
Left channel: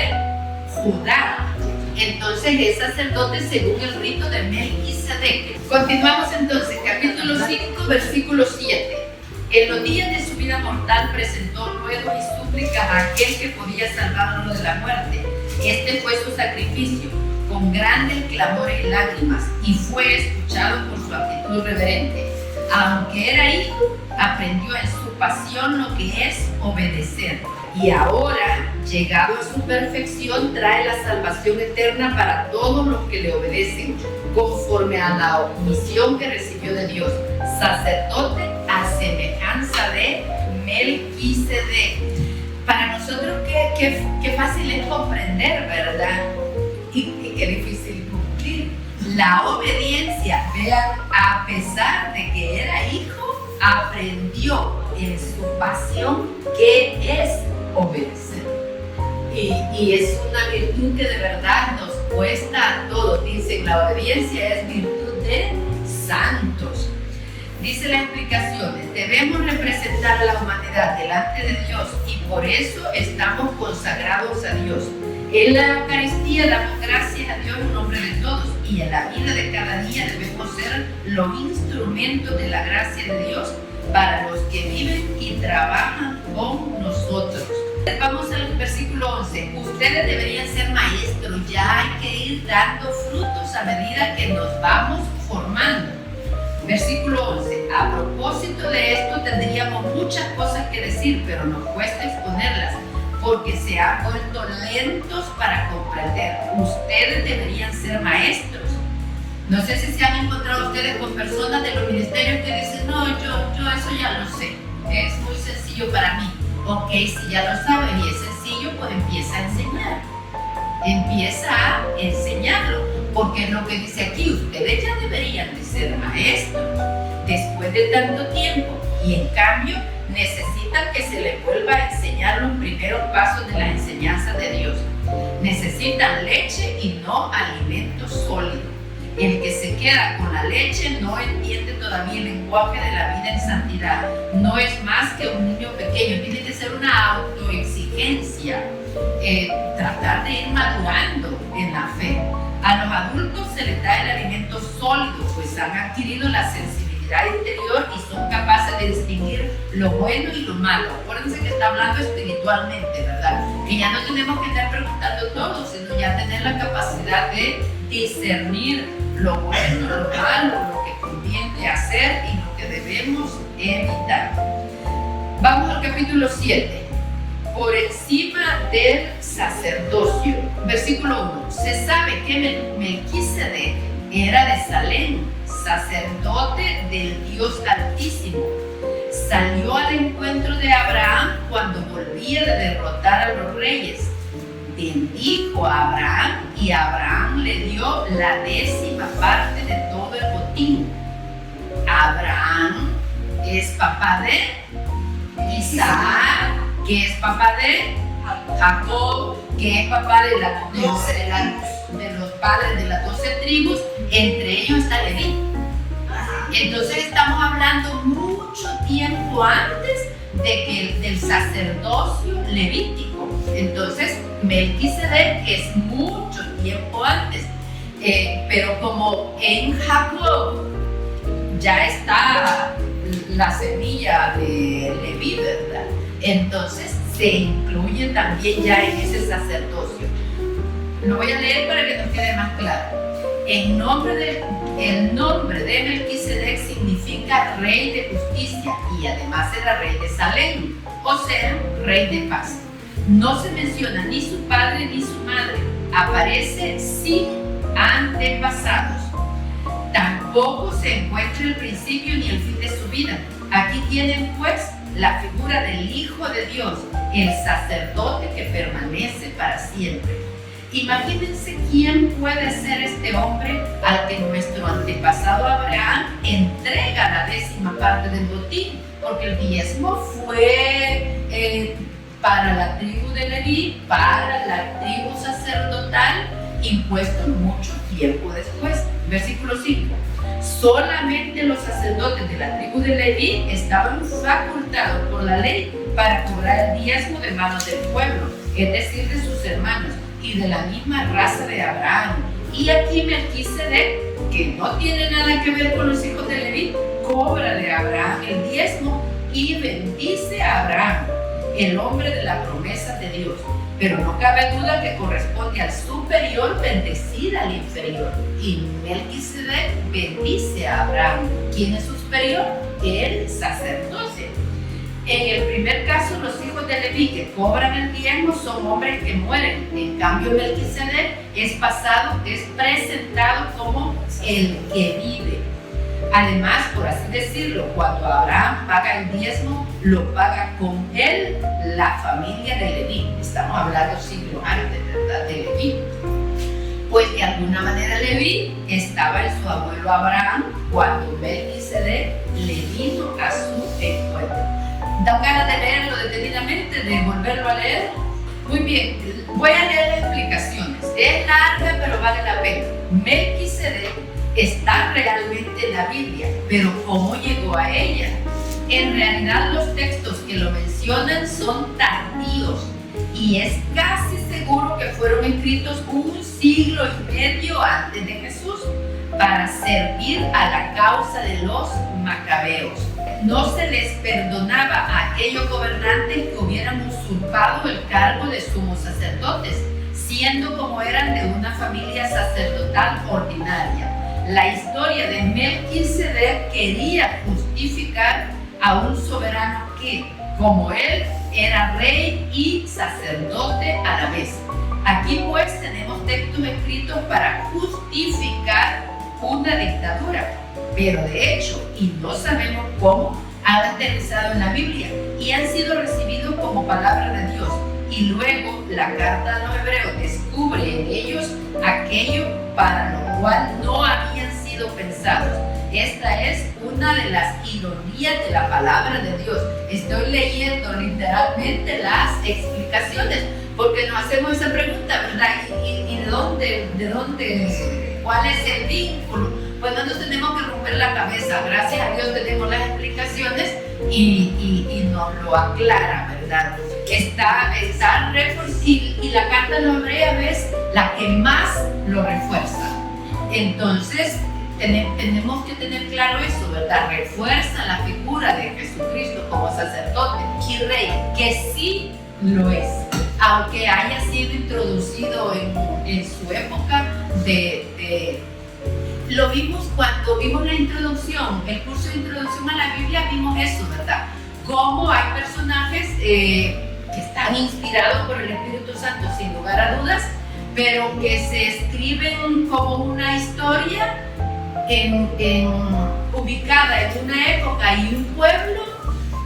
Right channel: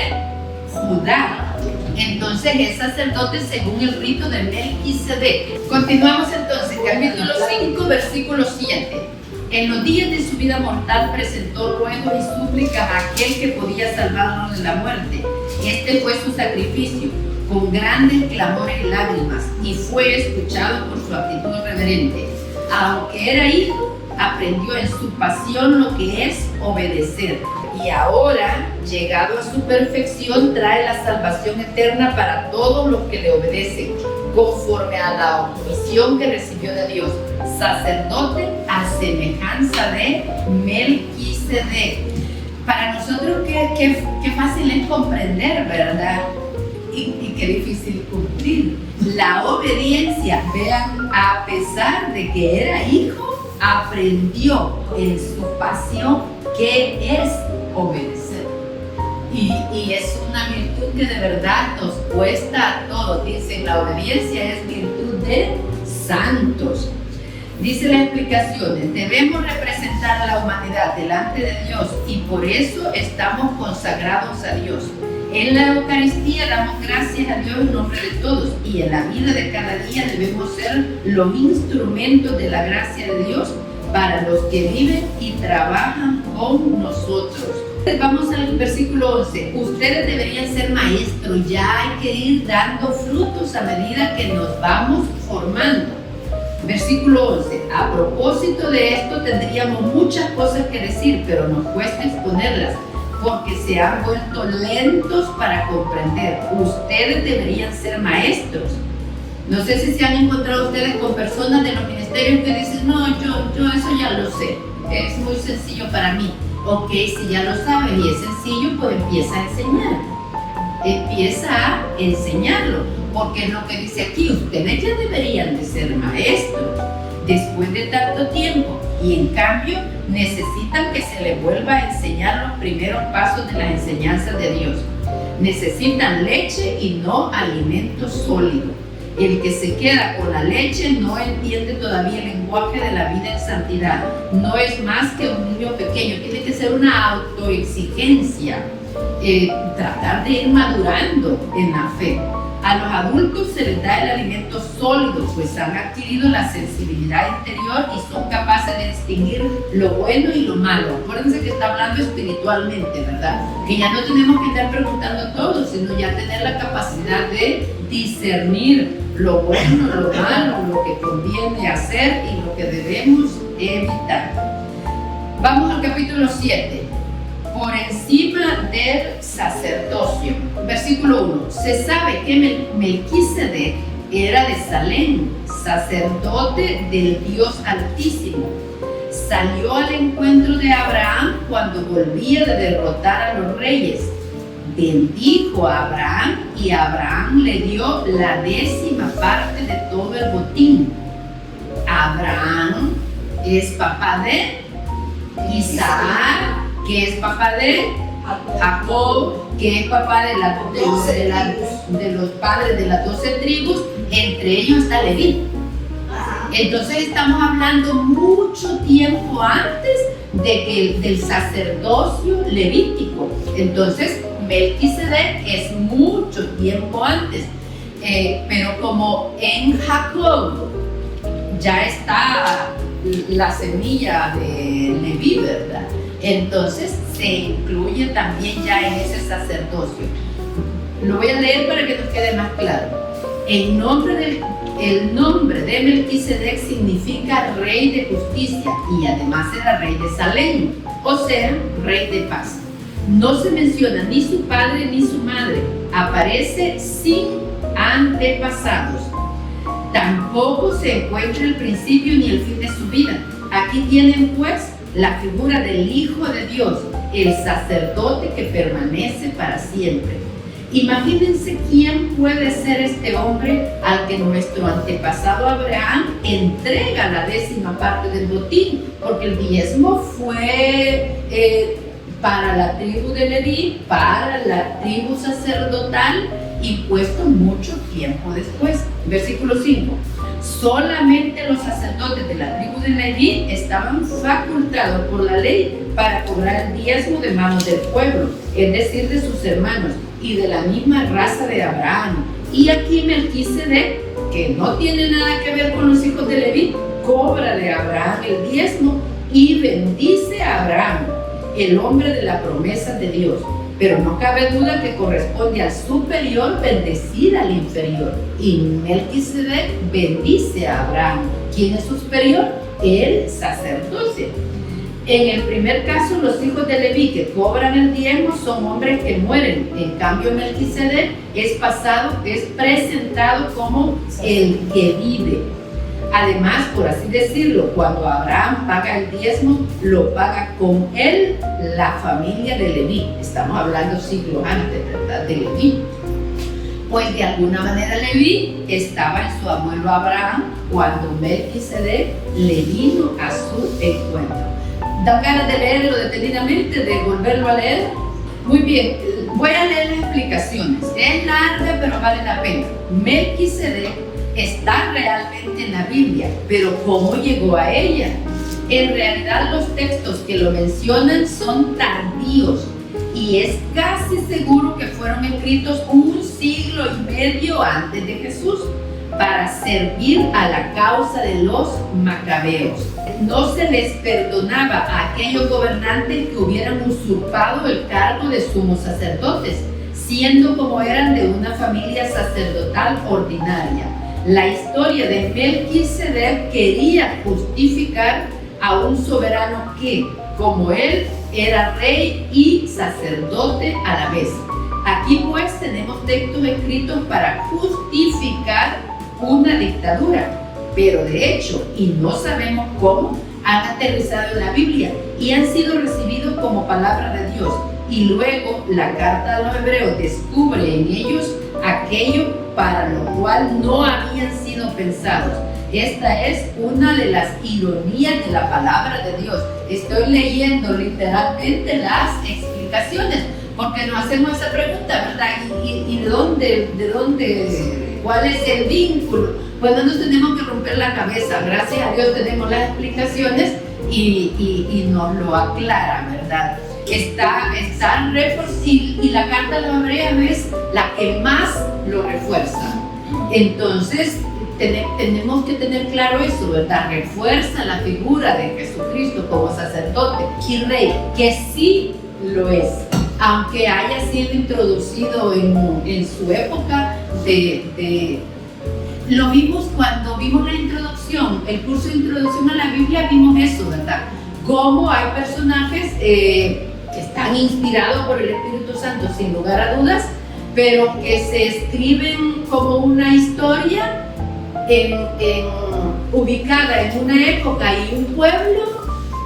Judá. Entonces es sacerdote según el rito de Melquisedec. Continuamos entonces, capítulo 5, versículo 7. En los días de su vida mortal presentó ruegos y súplicas a aquel que podía salvarlo de la muerte. Este fue su sacrificio, con grandes clamores y lágrimas, y fue escuchado por su actitud reverente. Aunque era hijo, aprendió en su pasión lo que es obedecer. Y ahora, llegado a su perfección, trae la salvación eterna para todos los que le obedecen, conforme a la misión que recibió de Dios, sacerdote a semejanza de Melquisedec. Para nosotros qué fácil es comprender, ¿verdad? Y qué difícil cumplir. La obediencia, vean, a pesar de que era hijo, aprendió en su pasión que es obedecer. Y es una virtud que de verdad nos cuesta a todos. Dicen, la obediencia es virtud de santos. Dice la explicación: debemos representar a la humanidad delante de Dios y por eso estamos consagrados a Dios. En la Eucaristía damos gracias a Dios en nombre de todos, y en la vida de cada día debemos ser los instrumentos de la gracia de Dios para los que viven y trabajan con nosotros. Vamos al versículo 11. Ustedes deberían ser maestros, ya hay que ir dando frutos a medida que nos vamos formando. Versículo 11. A propósito de esto tendríamos muchas cosas que decir, pero nos cuesta exponerlas, porque se han vuelto lentos para comprender. Ustedes deberían ser maestros. No sé si se han encontrado ustedes con personas de los ministerios que dicen: no, yo eso ya lo sé, es muy sencillo para mí. Ok, si ya lo saben y es sencillo, pues empieza a enseñar. Empieza a enseñarlo, porque es lo que dice aquí: ustedes ya deberían de ser maestros después de tanto tiempo, y en cambio necesitan que se les vuelva a enseñar los primeros pasos de las enseñanzas de Dios. Necesitan leche y no alimento sólido. El que se queda con la leche no entiende todavía el lenguaje de la vida en santidad. No es más que un niño pequeño. Tiene que ser una autoexigencia, tratar de ir madurando en la fe. A los adultos se les da el alimento sólido, pues han adquirido la sensibilidad interior y son capaces de distinguir lo bueno y lo malo. Acuérdense que está hablando espiritualmente, ¿verdad? Que ya no tenemos que estar preguntando todo, sino ya tener la capacidad de discernir lo bueno, lo malo, lo que conviene hacer y lo que debemos evitar. Vamos al capítulo 7. Por encima del sacerdocio. Versículo 1. Se sabe que Melquisedec era de Salem, sacerdote del Dios Altísimo. Salió al encuentro de Abraham cuando volvía de derrotar a los reyes. Bendijo a Abraham y Abraham le dio la 10ª parte de todo el botín. Abraham es papá de Isaac, que es papá de Jacob, que es papá de los padres de las 12 tribus, entre ellos está Leví. Entonces estamos hablando mucho tiempo antes del sacerdocio levítico. Entonces Melquisedec es mucho tiempo antes, pero como en Jacob ya está la semilla de Leví, ¿verdad? Entonces se incluye también ya en ese sacerdocio. Lo voy a leer para que nos quede más claro. El nombre de Melquisedec significa rey de justicia y además era rey de Salem, o sea, rey de paz. No se menciona ni su padre ni su madre. Aparece sin antepasados. Tampoco se encuentra el principio ni el fin de su vida. Aquí tienen pues la figura del Hijo de Dios, el sacerdote que permanece para siempre. Imagínense quién puede ser este hombre al que nuestro antepasado Abraham entrega la 10ª parte del botín, porque el diezmo fue para la tribu de Leví, para la tribu sacerdotal, impuesto mucho tiempo después. Versículo 5. Solamente los sacerdotes de la tribu de Leví estaban facultados por la ley para cobrar el diezmo de manos del pueblo, es decir, de sus hermanos y de la misma raza de Abraham. Y aquí Melquisedec, que no tiene nada que ver con los hijos de Leví, cobra de Abraham el diezmo y bendice a Abraham, el hombre de la promesa de Dios. Pero no cabe duda que corresponde al superior bendecir al inferior. Y Melquisedec bendice a Abraham. ¿Quién es su superior? El sacerdote. En el primer caso, los hijos de Leví que cobran el diezmo son hombres que mueren. En cambio, Melquisedec es presentado como el que vive. Además, por así decirlo, cuando Abraham paga el diezmo, lo paga con él la familia de Leví. Estamos hablando siglos antes, ¿verdad?, de Leví. Pues de alguna manera Leví estaba en su abuelo Abraham cuando Melquisedec le vino a su encuentro. ¿Dan ganas de leerlo detenidamente, de volverlo a leer? Muy bien, voy a leer las explicaciones. Es larga, pero vale la pena. Melquisedec está realmente en la Biblia, pero ¿cómo llegó a ella? En realidad los textos que lo mencionan son tardíos y es casi seguro que fueron escritos 1 siglo y medio antes de Jesús para servir a la causa de los macabeos. No se les perdonaba a aquellos gobernantes que hubieran usurpado el cargo de sumos sacerdotes, siendo como eran de una familia sacerdotal ordinaria. La historia de Melquisedec quería justificar a un soberano que, como él, era rey y sacerdote a la vez. Aquí pues tenemos textos escritos para justificar una dictadura, pero de hecho, y no sabemos cómo, han aterrizado en la Biblia y han sido recibidos como palabra de Dios. Y luego la carta a los hebreos descubre en ellos aquello para lo cual no habían sido pensados. Esta es una de las ironías de la palabra de Dios. Estoy leyendo literalmente las explicaciones, porque nos hacemos esa pregunta, ¿verdad? ¿Y de dónde, cuál es el vínculo? Pues no nos tenemos que romper la cabeza. Gracias a Dios tenemos las explicaciones y nos lo aclara, ¿verdad? Está y la carta a los hebreos es la que más lo refuerza. Entonces tenemos que tener claro eso, ¿verdad? Refuerza la figura de Jesucristo como sacerdote y rey, que sí lo es, aunque haya sido introducido en su época lo vimos cuando vimos la introducción, el curso de introducción a la Biblia, vimos eso, ¿verdad? Cómo hay personajes que están inspirados por el Espíritu Santo, sin lugar a dudas, pero que se escriben como una historia ubicada en una época y un pueblo,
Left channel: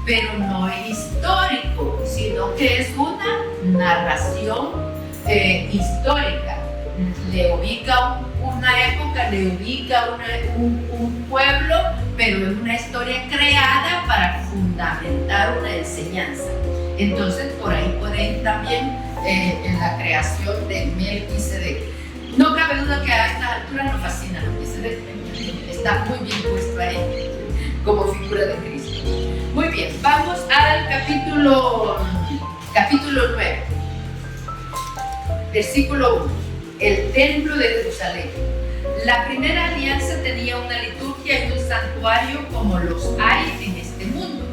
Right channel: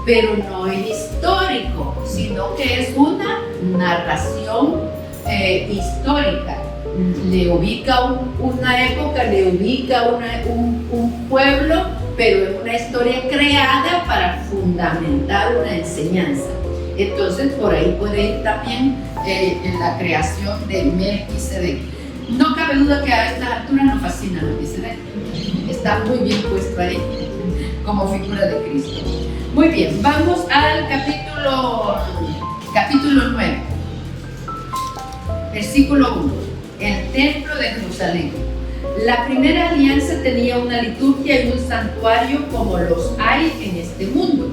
pero no es histórico, sino que es una narración histórica. Le ubica una época, le ubica un pueblo, pero es una historia creada para fundamentar una enseñanza. Entonces por ahí puede ir también en la creación de Melquisedec. No cabe duda que a estas alturas nos fascina Melquisedec. Está muy bien puesto ahí como figura de Cristo. Muy bien, vamos al capítulo 9, versículo 1. El templo de Jerusalén. La primera alianza tenía una liturgia y un santuario como los hay en este mundo.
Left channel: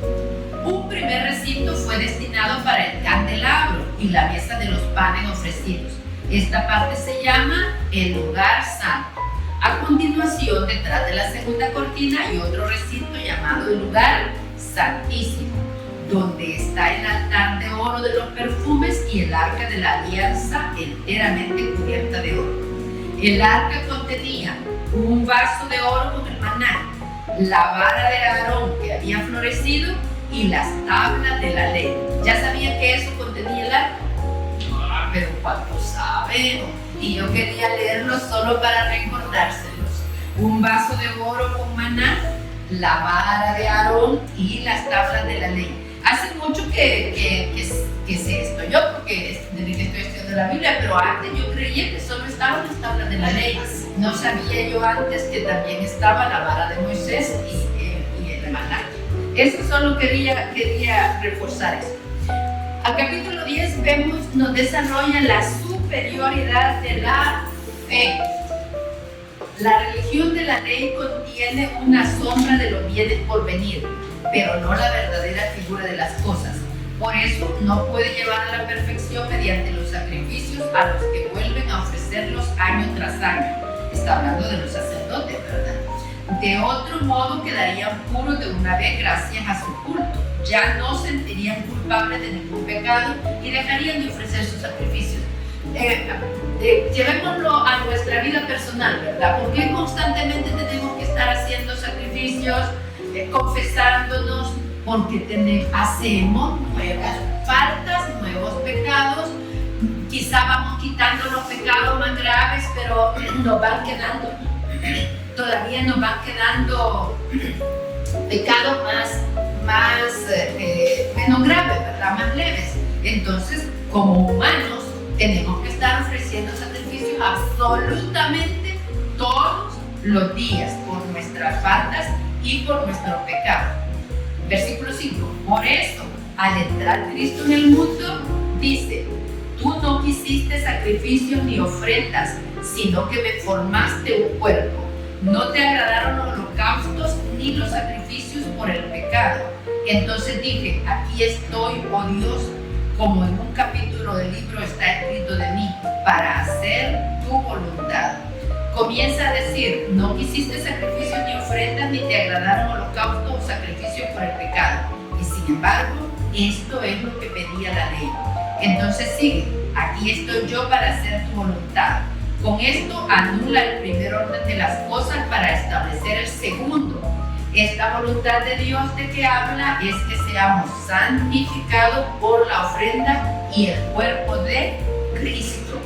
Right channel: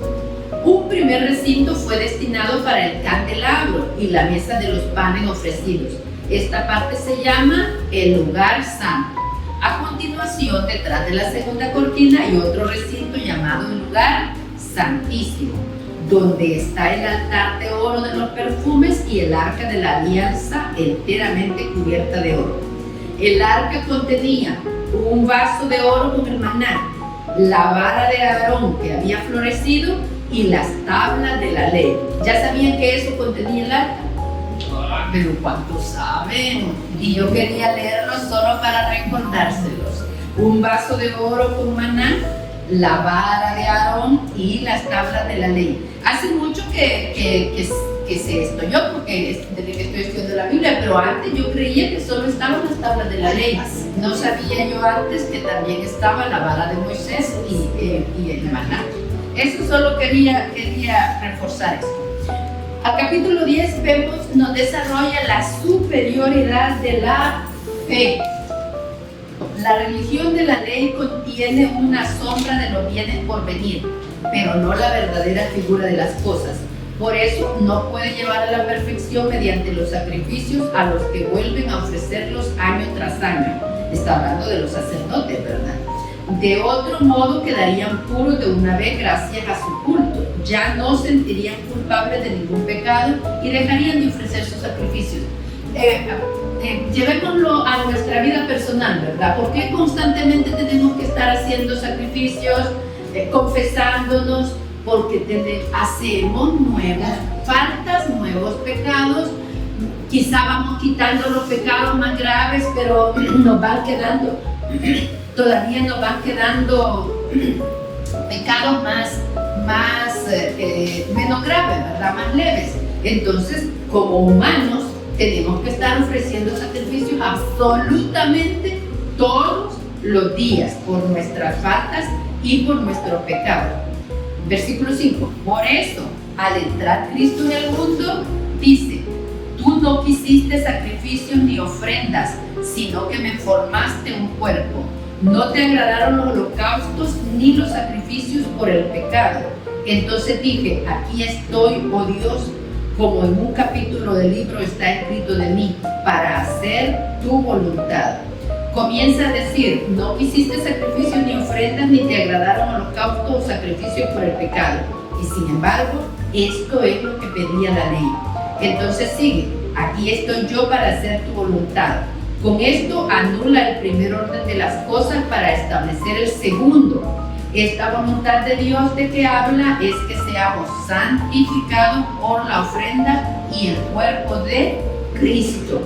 Un primer recinto fue destinado para el candelabro y la mesa de los panes ofrecidos. Esta parte se llama el lugar santo. A continuación, detrás de la segunda cortina hay otro recinto llamado el lugar santísimo, donde está el altar de oro de los perfumes y el arca de la alianza enteramente cubierta de oro. El arca contenía un vaso de oro con el maná, la vara de Aarón que había florecido y las tablas de la ley. ¿Ya sabían que eso contenía el arca? Pero ¿cuántos saben? Y yo quería leerlos solo para recordárselos. Un vaso de oro con maná, la vara de Aarón y las tablas de la ley. Hace mucho que sé esto yo, porque desde que estoy estudiando la Biblia, pero antes yo creía que solo estaban las tablas de la ley. No sabía yo antes que también estaba la vara de Moisés y el maná. Eso solo quería reforzar esto. Al capítulo 10 nos desarrolla la superioridad de la fe. La religión de la ley contiene una sombra de los bienes por venir, pero no la verdadera figura de las cosas. Por eso no puede llevar a la perfección mediante los sacrificios a los que vuelven a ofrecerlos año tras año. Está hablando de los sacerdotes, ¿verdad? De otro modo quedarían puros de una vez gracias a su culto. Ya no sentirían culpables de ningún pecado y dejarían de ofrecer sus sacrificios. Llevémoslo a nuestra vida personal, ¿verdad? ¿Por qué constantemente tenemos que estar haciendo sacrificios, confesándonos? Porque hacemos nuevas faltas, nuevos pecados. Quizá vamos quitando los pecados más graves, pero nos van quedando, todavía nos van quedando pecados menos graves, ¿verdad? Más leves. Entonces, como humanos, tenemos que estar ofreciendo sacrificios absolutamente todos los días por nuestras faltas y por nuestros pecados. Versículo 5. Por eso, al entrar Cristo en el mundo, dice: tú no quisiste sacrificios ni ofrendas, sino que me formaste un cuerpo. No te agradaron los holocaustos ni los sacrificios por el pecado. Entonces dije: aquí estoy, oh Dios, como en un capítulo del libro está escrito de mí, para hacer tu voluntad. Comienza a decir: no quisiste sacrificios ni ofrendas, ni te agradaron holocaustos o sacrificios por el pecado. Y sin embargo, esto es lo que pedía la ley. Entonces sigue: aquí estoy yo para hacer tu voluntad. Con esto anula el primer orden de las cosas para establecer el segundo. Esta voluntad de Dios de que habla es que seamos santificados por la ofrenda y el cuerpo de Cristo.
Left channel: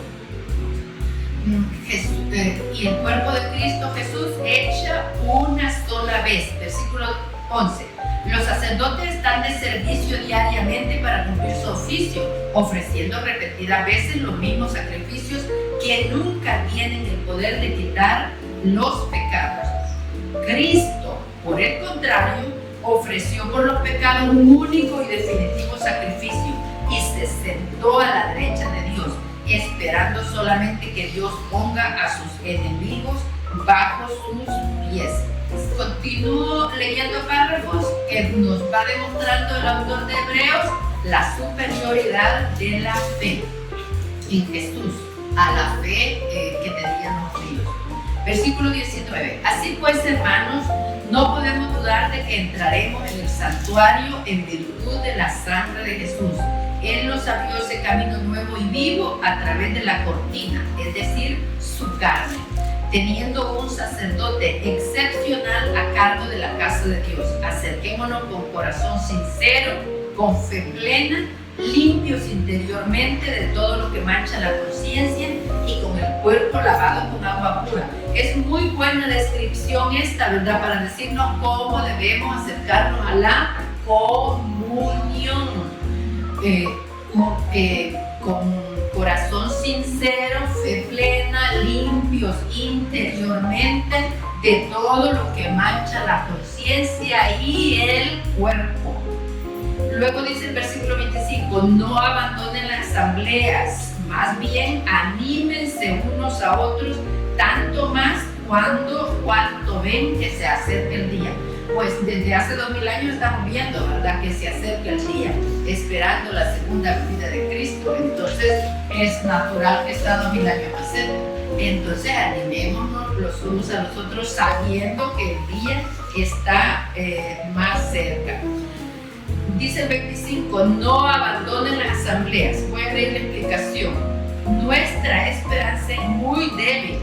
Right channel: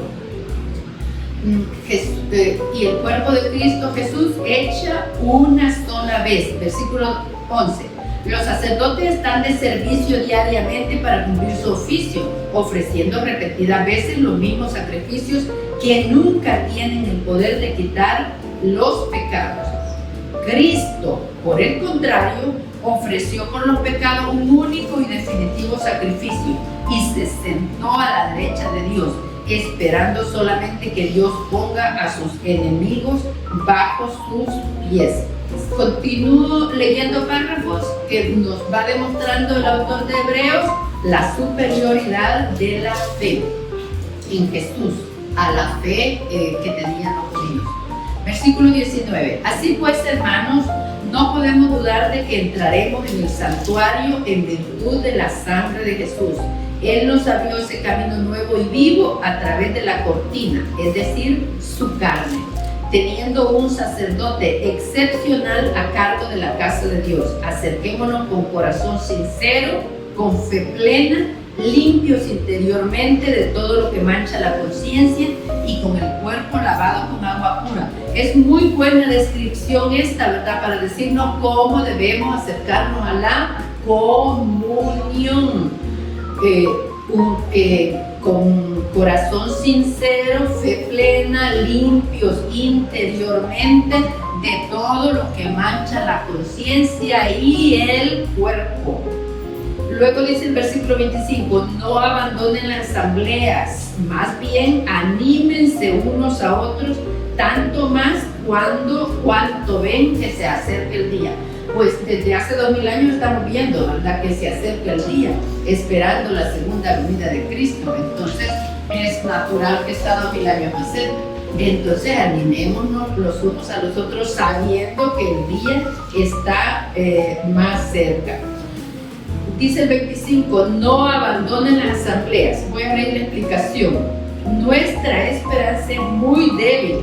Y el cuerpo de Cristo Jesús hecha una sola vez. Versículo 11. Los sacerdotes están de servicio diariamente para cumplir su oficio, ofreciendo repetidas veces los mismos sacrificios que nunca tienen el poder de quitar los pecados. Cristo, por el contrario, ofreció por los pecados un único y definitivo sacrificio y se sentó a la derecha de Dios, esperando solamente que Dios ponga a sus enemigos bajo sus pies. Continúo leyendo párrafos que nos va demostrando el autor de Hebreos la superioridad de la fe en Jesús a la fe que tenían los judíos. Versículo 19. Así pues, hermanos, no podemos dudar de que entraremos en el santuario en virtud de la sangre de Jesús. Él nos abrió ese camino nuevo y vivo a través de la cortina, es decir, su carne, teniendo un sacerdote excepcional a cargo de la casa de Dios. Acerquémonos con corazón sincero, con fe plena, limpios interiormente de todo lo que mancha la conciencia y con el cuerpo lavado con agua pura. Es muy buena descripción esta, ¿verdad? Para decirnos cómo debemos acercarnos a la comunión. Con corazón sincero, fe plena, limpios interiormente de todo lo que mancha la conciencia y el cuerpo. Luego dice el versículo 25: no abandonen las asambleas, más bien anímense unos a otros, tanto más cuanto ven que se acerca el día. Pues desde hace 2000 años estamos viendo, ¿verdad?, que se acerca el día, esperando la segunda venida de Cristo. Entonces es natural que está 2000 años más cerca. Entonces animémonos los unos a los otros sabiendo que el día está más cerca. Dice el 25, no abandonen las asambleas. Voy a leer la explicación. Nuestra esperanza es muy débil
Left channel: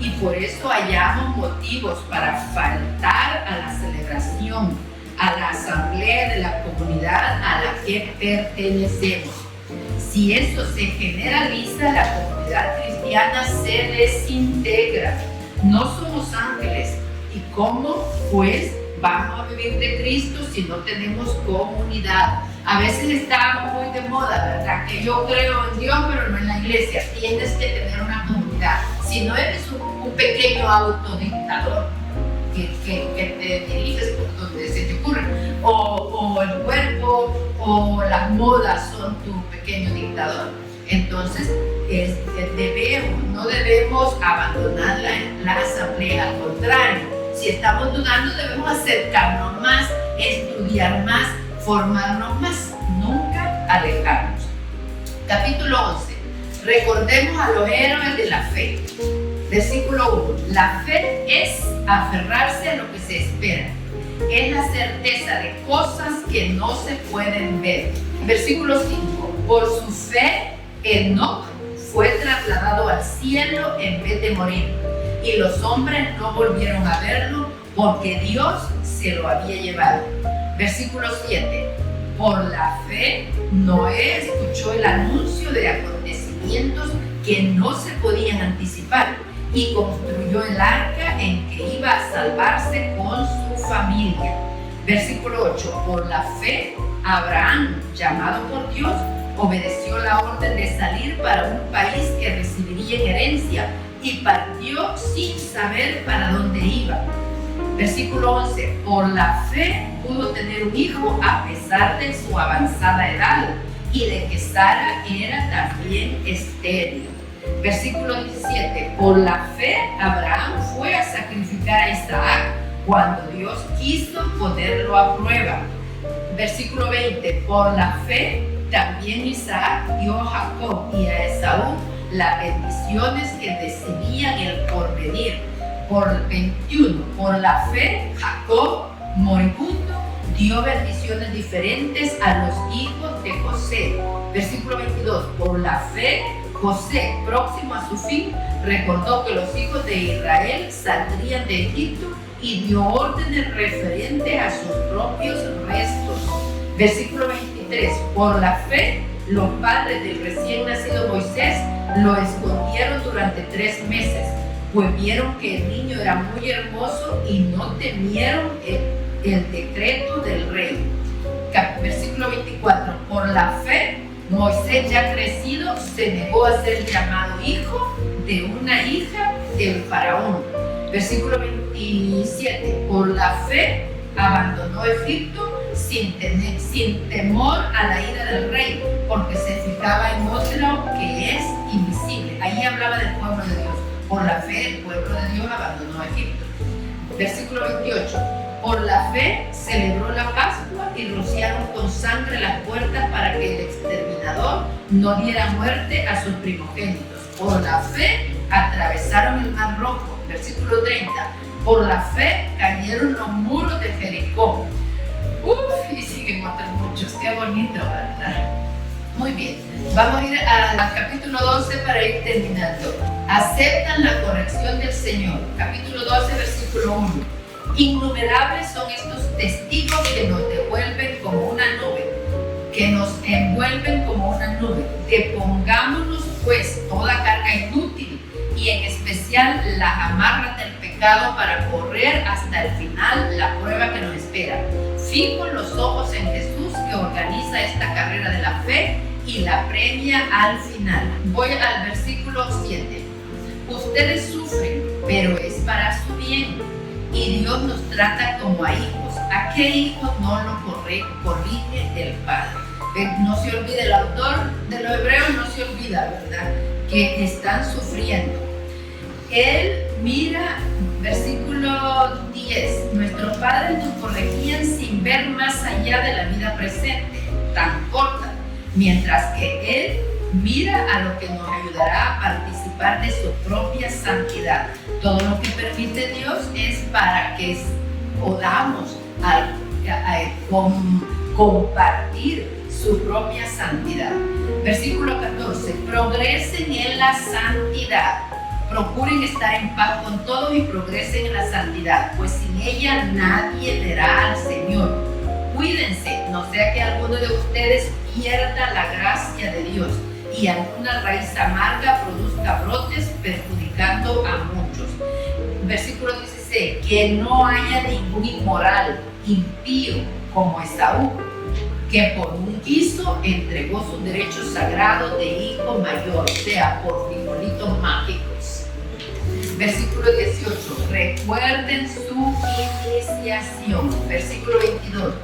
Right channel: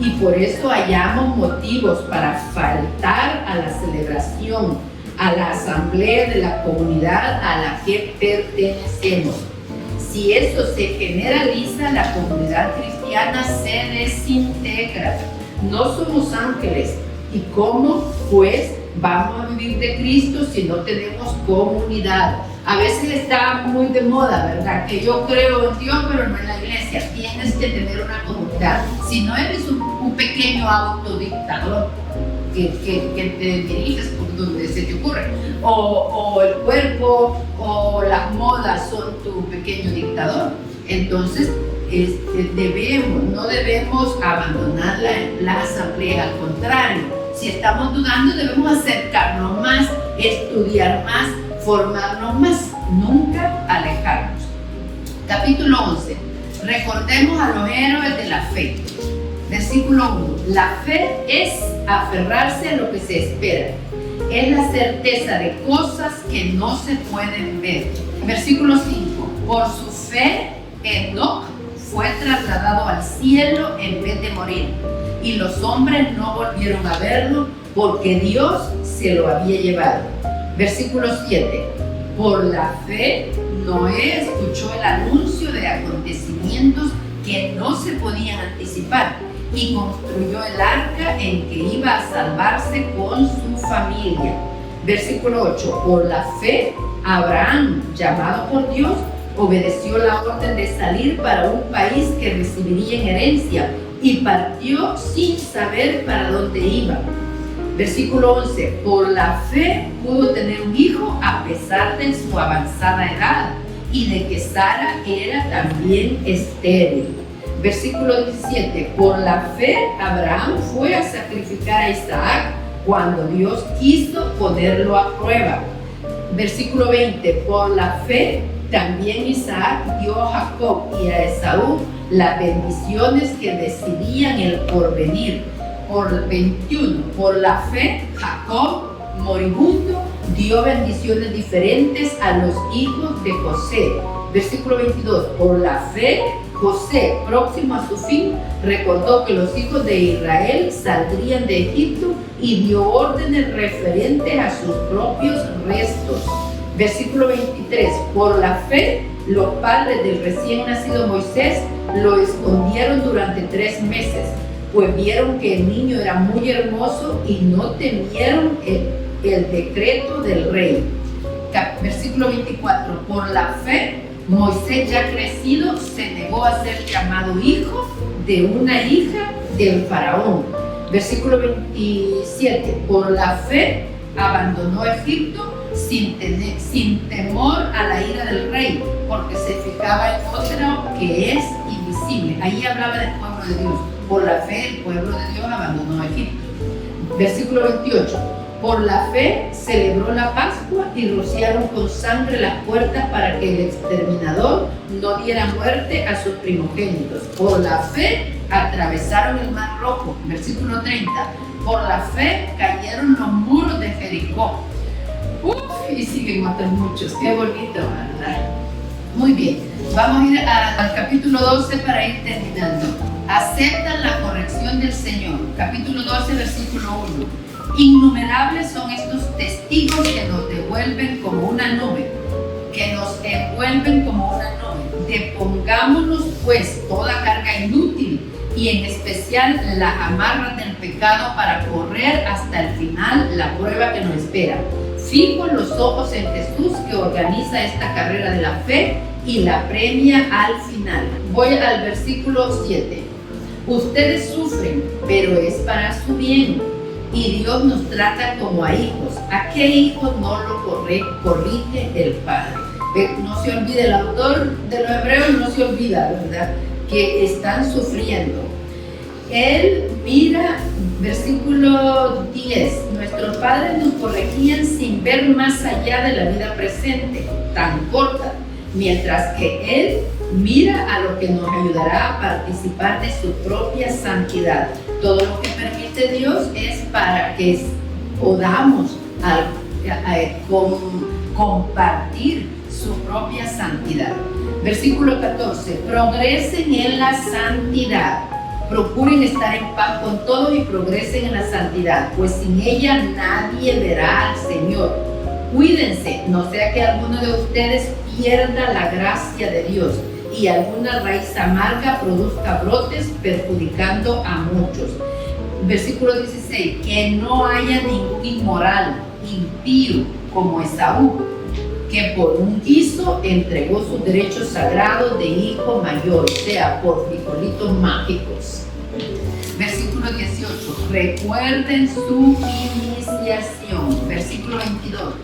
y por eso hallamos motivos para faltar a la celebración, a la asamblea de la comunidad a la que pertenecemos. Si eso se generaliza, la comunidad cristiana se desintegra. No somos ángeles. ¿Y cómo, pues, vamos a vivir de Cristo si no tenemos comunidad? A veces está muy de moda, ¿verdad? Que yo creo en Dios, pero no en la iglesia. Tienes que tener una comunidad. Si no eres un pequeño autodictador que te diriges por donde se te ocurre, o el cuerpo o las modas son tu pequeño dictador, entonces no debemos abandonar la asamblea. Al contrario, si estamos dudando, debemos acercarnos más, estudiar más, formarnos más, nunca alejarnos. Capítulo 11. Recordemos a los héroes de la fe. Versículo 1. La fe es aferrarse a lo que se espera. Es la certeza de cosas que no se pueden ver. Versículo 5. Por su fe, Enoc fue trasladado al cielo en vez de morir, y los hombres no volvieron a verlo porque Dios se lo había llevado. Versículo 7. Por la fe, Noé escuchó el anuncio de acontecimientos que no se podían anticipar y construyó el arca en que iba a salvarse con su familia. Versículo 8. Por la fe, Abraham, llamado por Dios, obedeció la orden de salir para un país que recibiría en herencia y partió sin saber para dónde iba. Versículo 11. Por la fe pudo tener un hijo a pesar de su avanzada edad y de que Sara era también estéril. Versículo 17. Por la fe Abraham fue a sacrificar a Isaac cuando Dios quiso ponerlo a prueba. Versículo 20. Por la fe también Isaac dio a Jacob y a Esaú las bendiciones que decidían el porvenir. Por 21. Por la fe Jacob, moribundo, dio bendiciones diferentes a los hijos de José. Versículo 22. Por la fe José, próximo a su fin, recordó que los hijos de Israel saldrían de Egipto y dio órdenes referentes a sus propios restos. Versículo 23. Por la fe, los padres del recién nacido Moisés lo escondieron durante 3 meses, pues vieron que el niño era muy hermoso y no temieron el decreto del rey. Versículo 24. Por la fe, Moisés, ya crecido, se negó a ser llamado hijo de una hija del faraón. Versículo 27. Por la fe, abandonó Egipto sin temor a la ira del rey, porque se fijaba en otro que es invisible. Ahí hablaba del pueblo de Dios. Por la fe, el pueblo de Dios abandonó Egipto. Versículo 28. Por la fe celebró la Pascua y rociaron con sangre las puertas para que el exterminador no diera muerte a sus primogénitos. Por la fe atravesaron el mar rojo. Versículo 30. Por la fe cayeron los muros de Jericó. Y siguen otros muchos. Qué bonito, ¿verdad? Muy bien. Vamos a ir al capítulo 12 para ir terminando. Aceptan la corrección del Señor. Capítulo 12, versículo 1. Innumerables son estos testigos que nos devuelven como una nube, que nos envuelven como una nube. Depongámonos pues toda carga inútil y en especial las amarras del pecado para correr hasta el final la prueba que nos espera. Fijo los ojos en Jesús, que organiza esta carrera de la fe y la premia al final. Voy al versículo 7. Ustedes sufren, pero es para su bien, y Dios nos trata como a hijos. ¿A qué hijo no lo corrige el Padre? No se olvide, el autor de los Hebreos no se olvida, ¿verdad?, que están sufriendo. Él mira, versículo 10, nuestros padres nos corregían sin ver más allá de la vida presente, tan corta, mientras que Él mira a lo que nos ayudará a participar de su propia santidad. Todo lo que permite Dios es para que podamos compartir su propia santidad. Versículo 14, progresen en la santidad, procuren estar en paz con todos y progresen en la santidad, pues sin ella nadie verá al Señor. Cuídense, no sea que alguno de ustedes pierda la gracia de Dios y alguna raíz amarga produzca brotes perjudicando a muchos. Versículo 16, que no haya ningún inmoral, impío como Esaú, que por un guiso entregó sus derechos sagrados de hijo mayor, o sea, por frijolitos mágicos. Versículo 18, recuerden su iniciación. Versículo 22,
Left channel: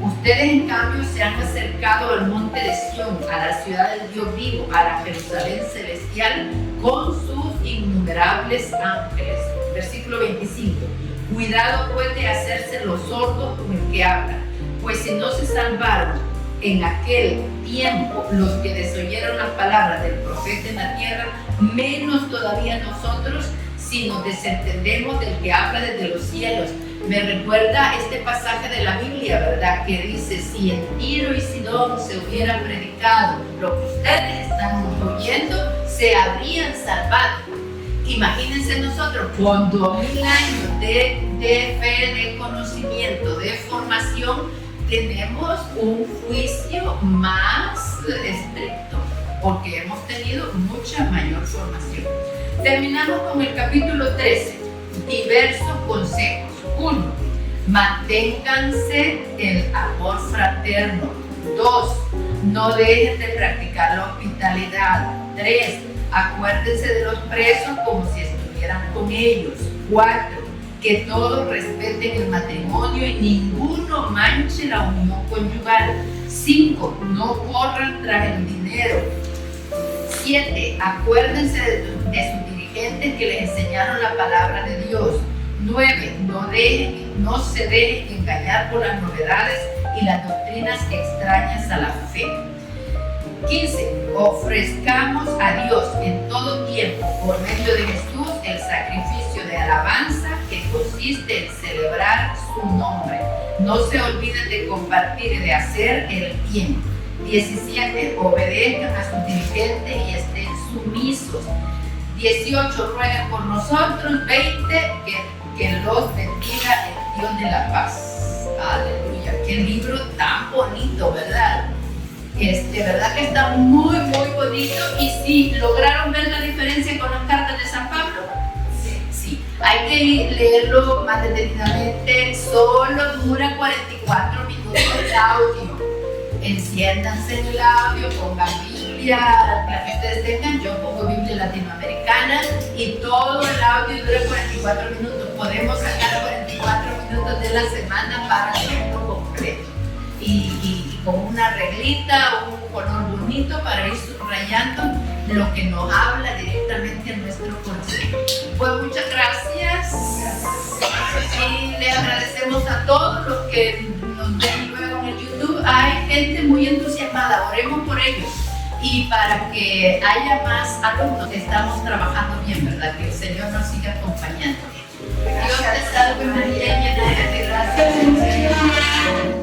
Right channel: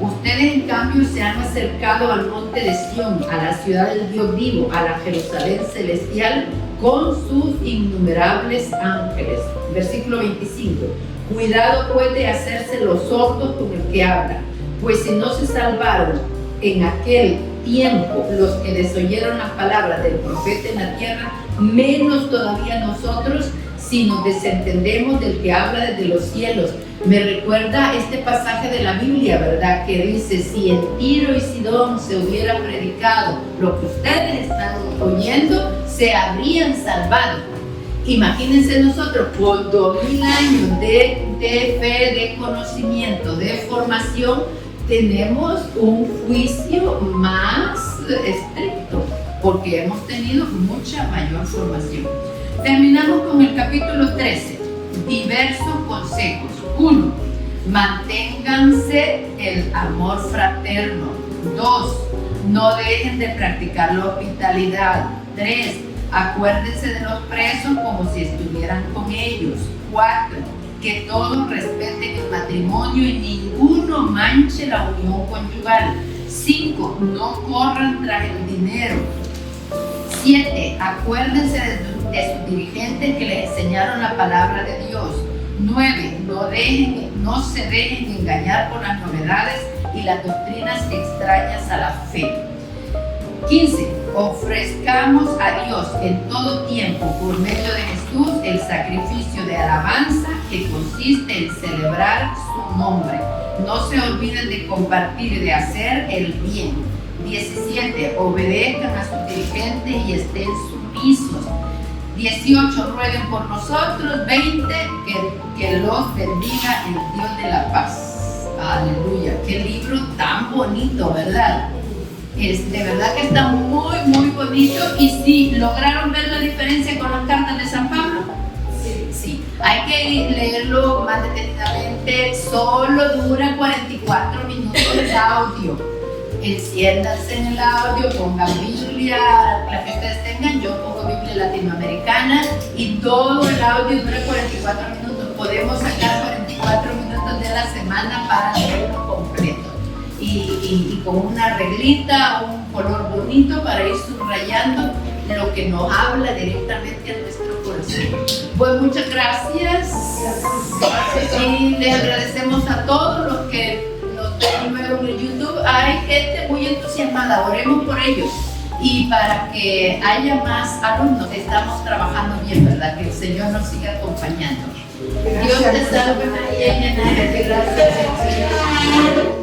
ustedes en cambio se han acercado al monte de Sión, a la ciudad del Dios vivo, a la Jerusalén celestial, con sus innumerables ángeles. Versículo 25, cuidado pues de hacerse los sordos con el que habla, pues si no se salvaron en aquel tiempo los que desoyeron las palabras del profeta en la tierra, menos todavía nosotros si nos desentendemos del que habla desde los cielos. Me recuerda este pasaje de la Biblia, ¿verdad? Que dice, si en Tiro y Sidón se hubiera predicado lo que ustedes están oyendo, se habrían salvado. Imagínense nosotros con 2000 años de fe, de conocimiento, de formación, tenemos un juicio más estricto porque hemos tenido mucha mayor formación. Terminamos con el capítulo 13, diversos consejos. 1. Manténganse el amor fraterno. 2. No dejen de practicar la hospitalidad. 3. Acuérdense de los presos como si estuvieran con ellos. 4. Que todos respeten el matrimonio y ninguno manche la unión conyugal. 5. No corran tras el dinero. 7. Acuérdense de sus dirigentes que les enseñaron la palabra de Dios. 9. No se dejen engañar por las novedades y las doctrinas extrañas a la fe. 15. Ofrezcamos a Dios en todo tiempo por medio de Jesús el sacrificio de alabanza que consiste en celebrar su nombre. No se olviden de compartir y de hacer el bien. 17. Obedezcan a sus dirigentes y estén sumisos. 18. Rueguen por nosotros. 20. Que los bendiga el Dios de la paz. Aleluya. Qué libro tan bonito, ¿verdad? De verdad que está muy, muy bonito. Y sí, ¿lograron ver la diferencia con las cartas de San Pablo? Sí. Hay que leerlo más detenidamente. Solo dura 44 minutos el audio. Enciéndanse en el audio, pongan Biblia, la que ustedes tengan. Yo pongo Biblia latinoamericana y todo el audio dura 44 minutos. Podemos sacar 44 minutos de la semana para leerlo completo. Y con una reglita o un color bonito para ir subrayando lo que nos habla directamente a nuestro corazón. Pues muchas gracias. Y les agradecemos a todos los que nos ven luego en el YouTube. Hay gente muy entusiasmada, oremos por ellos. Y para que haya más alumnos, estamos trabajando bien, ¿verdad? Que el Señor nos siga acompañando. Dios te salve María, llena eres de gracia, el Señor es contigo.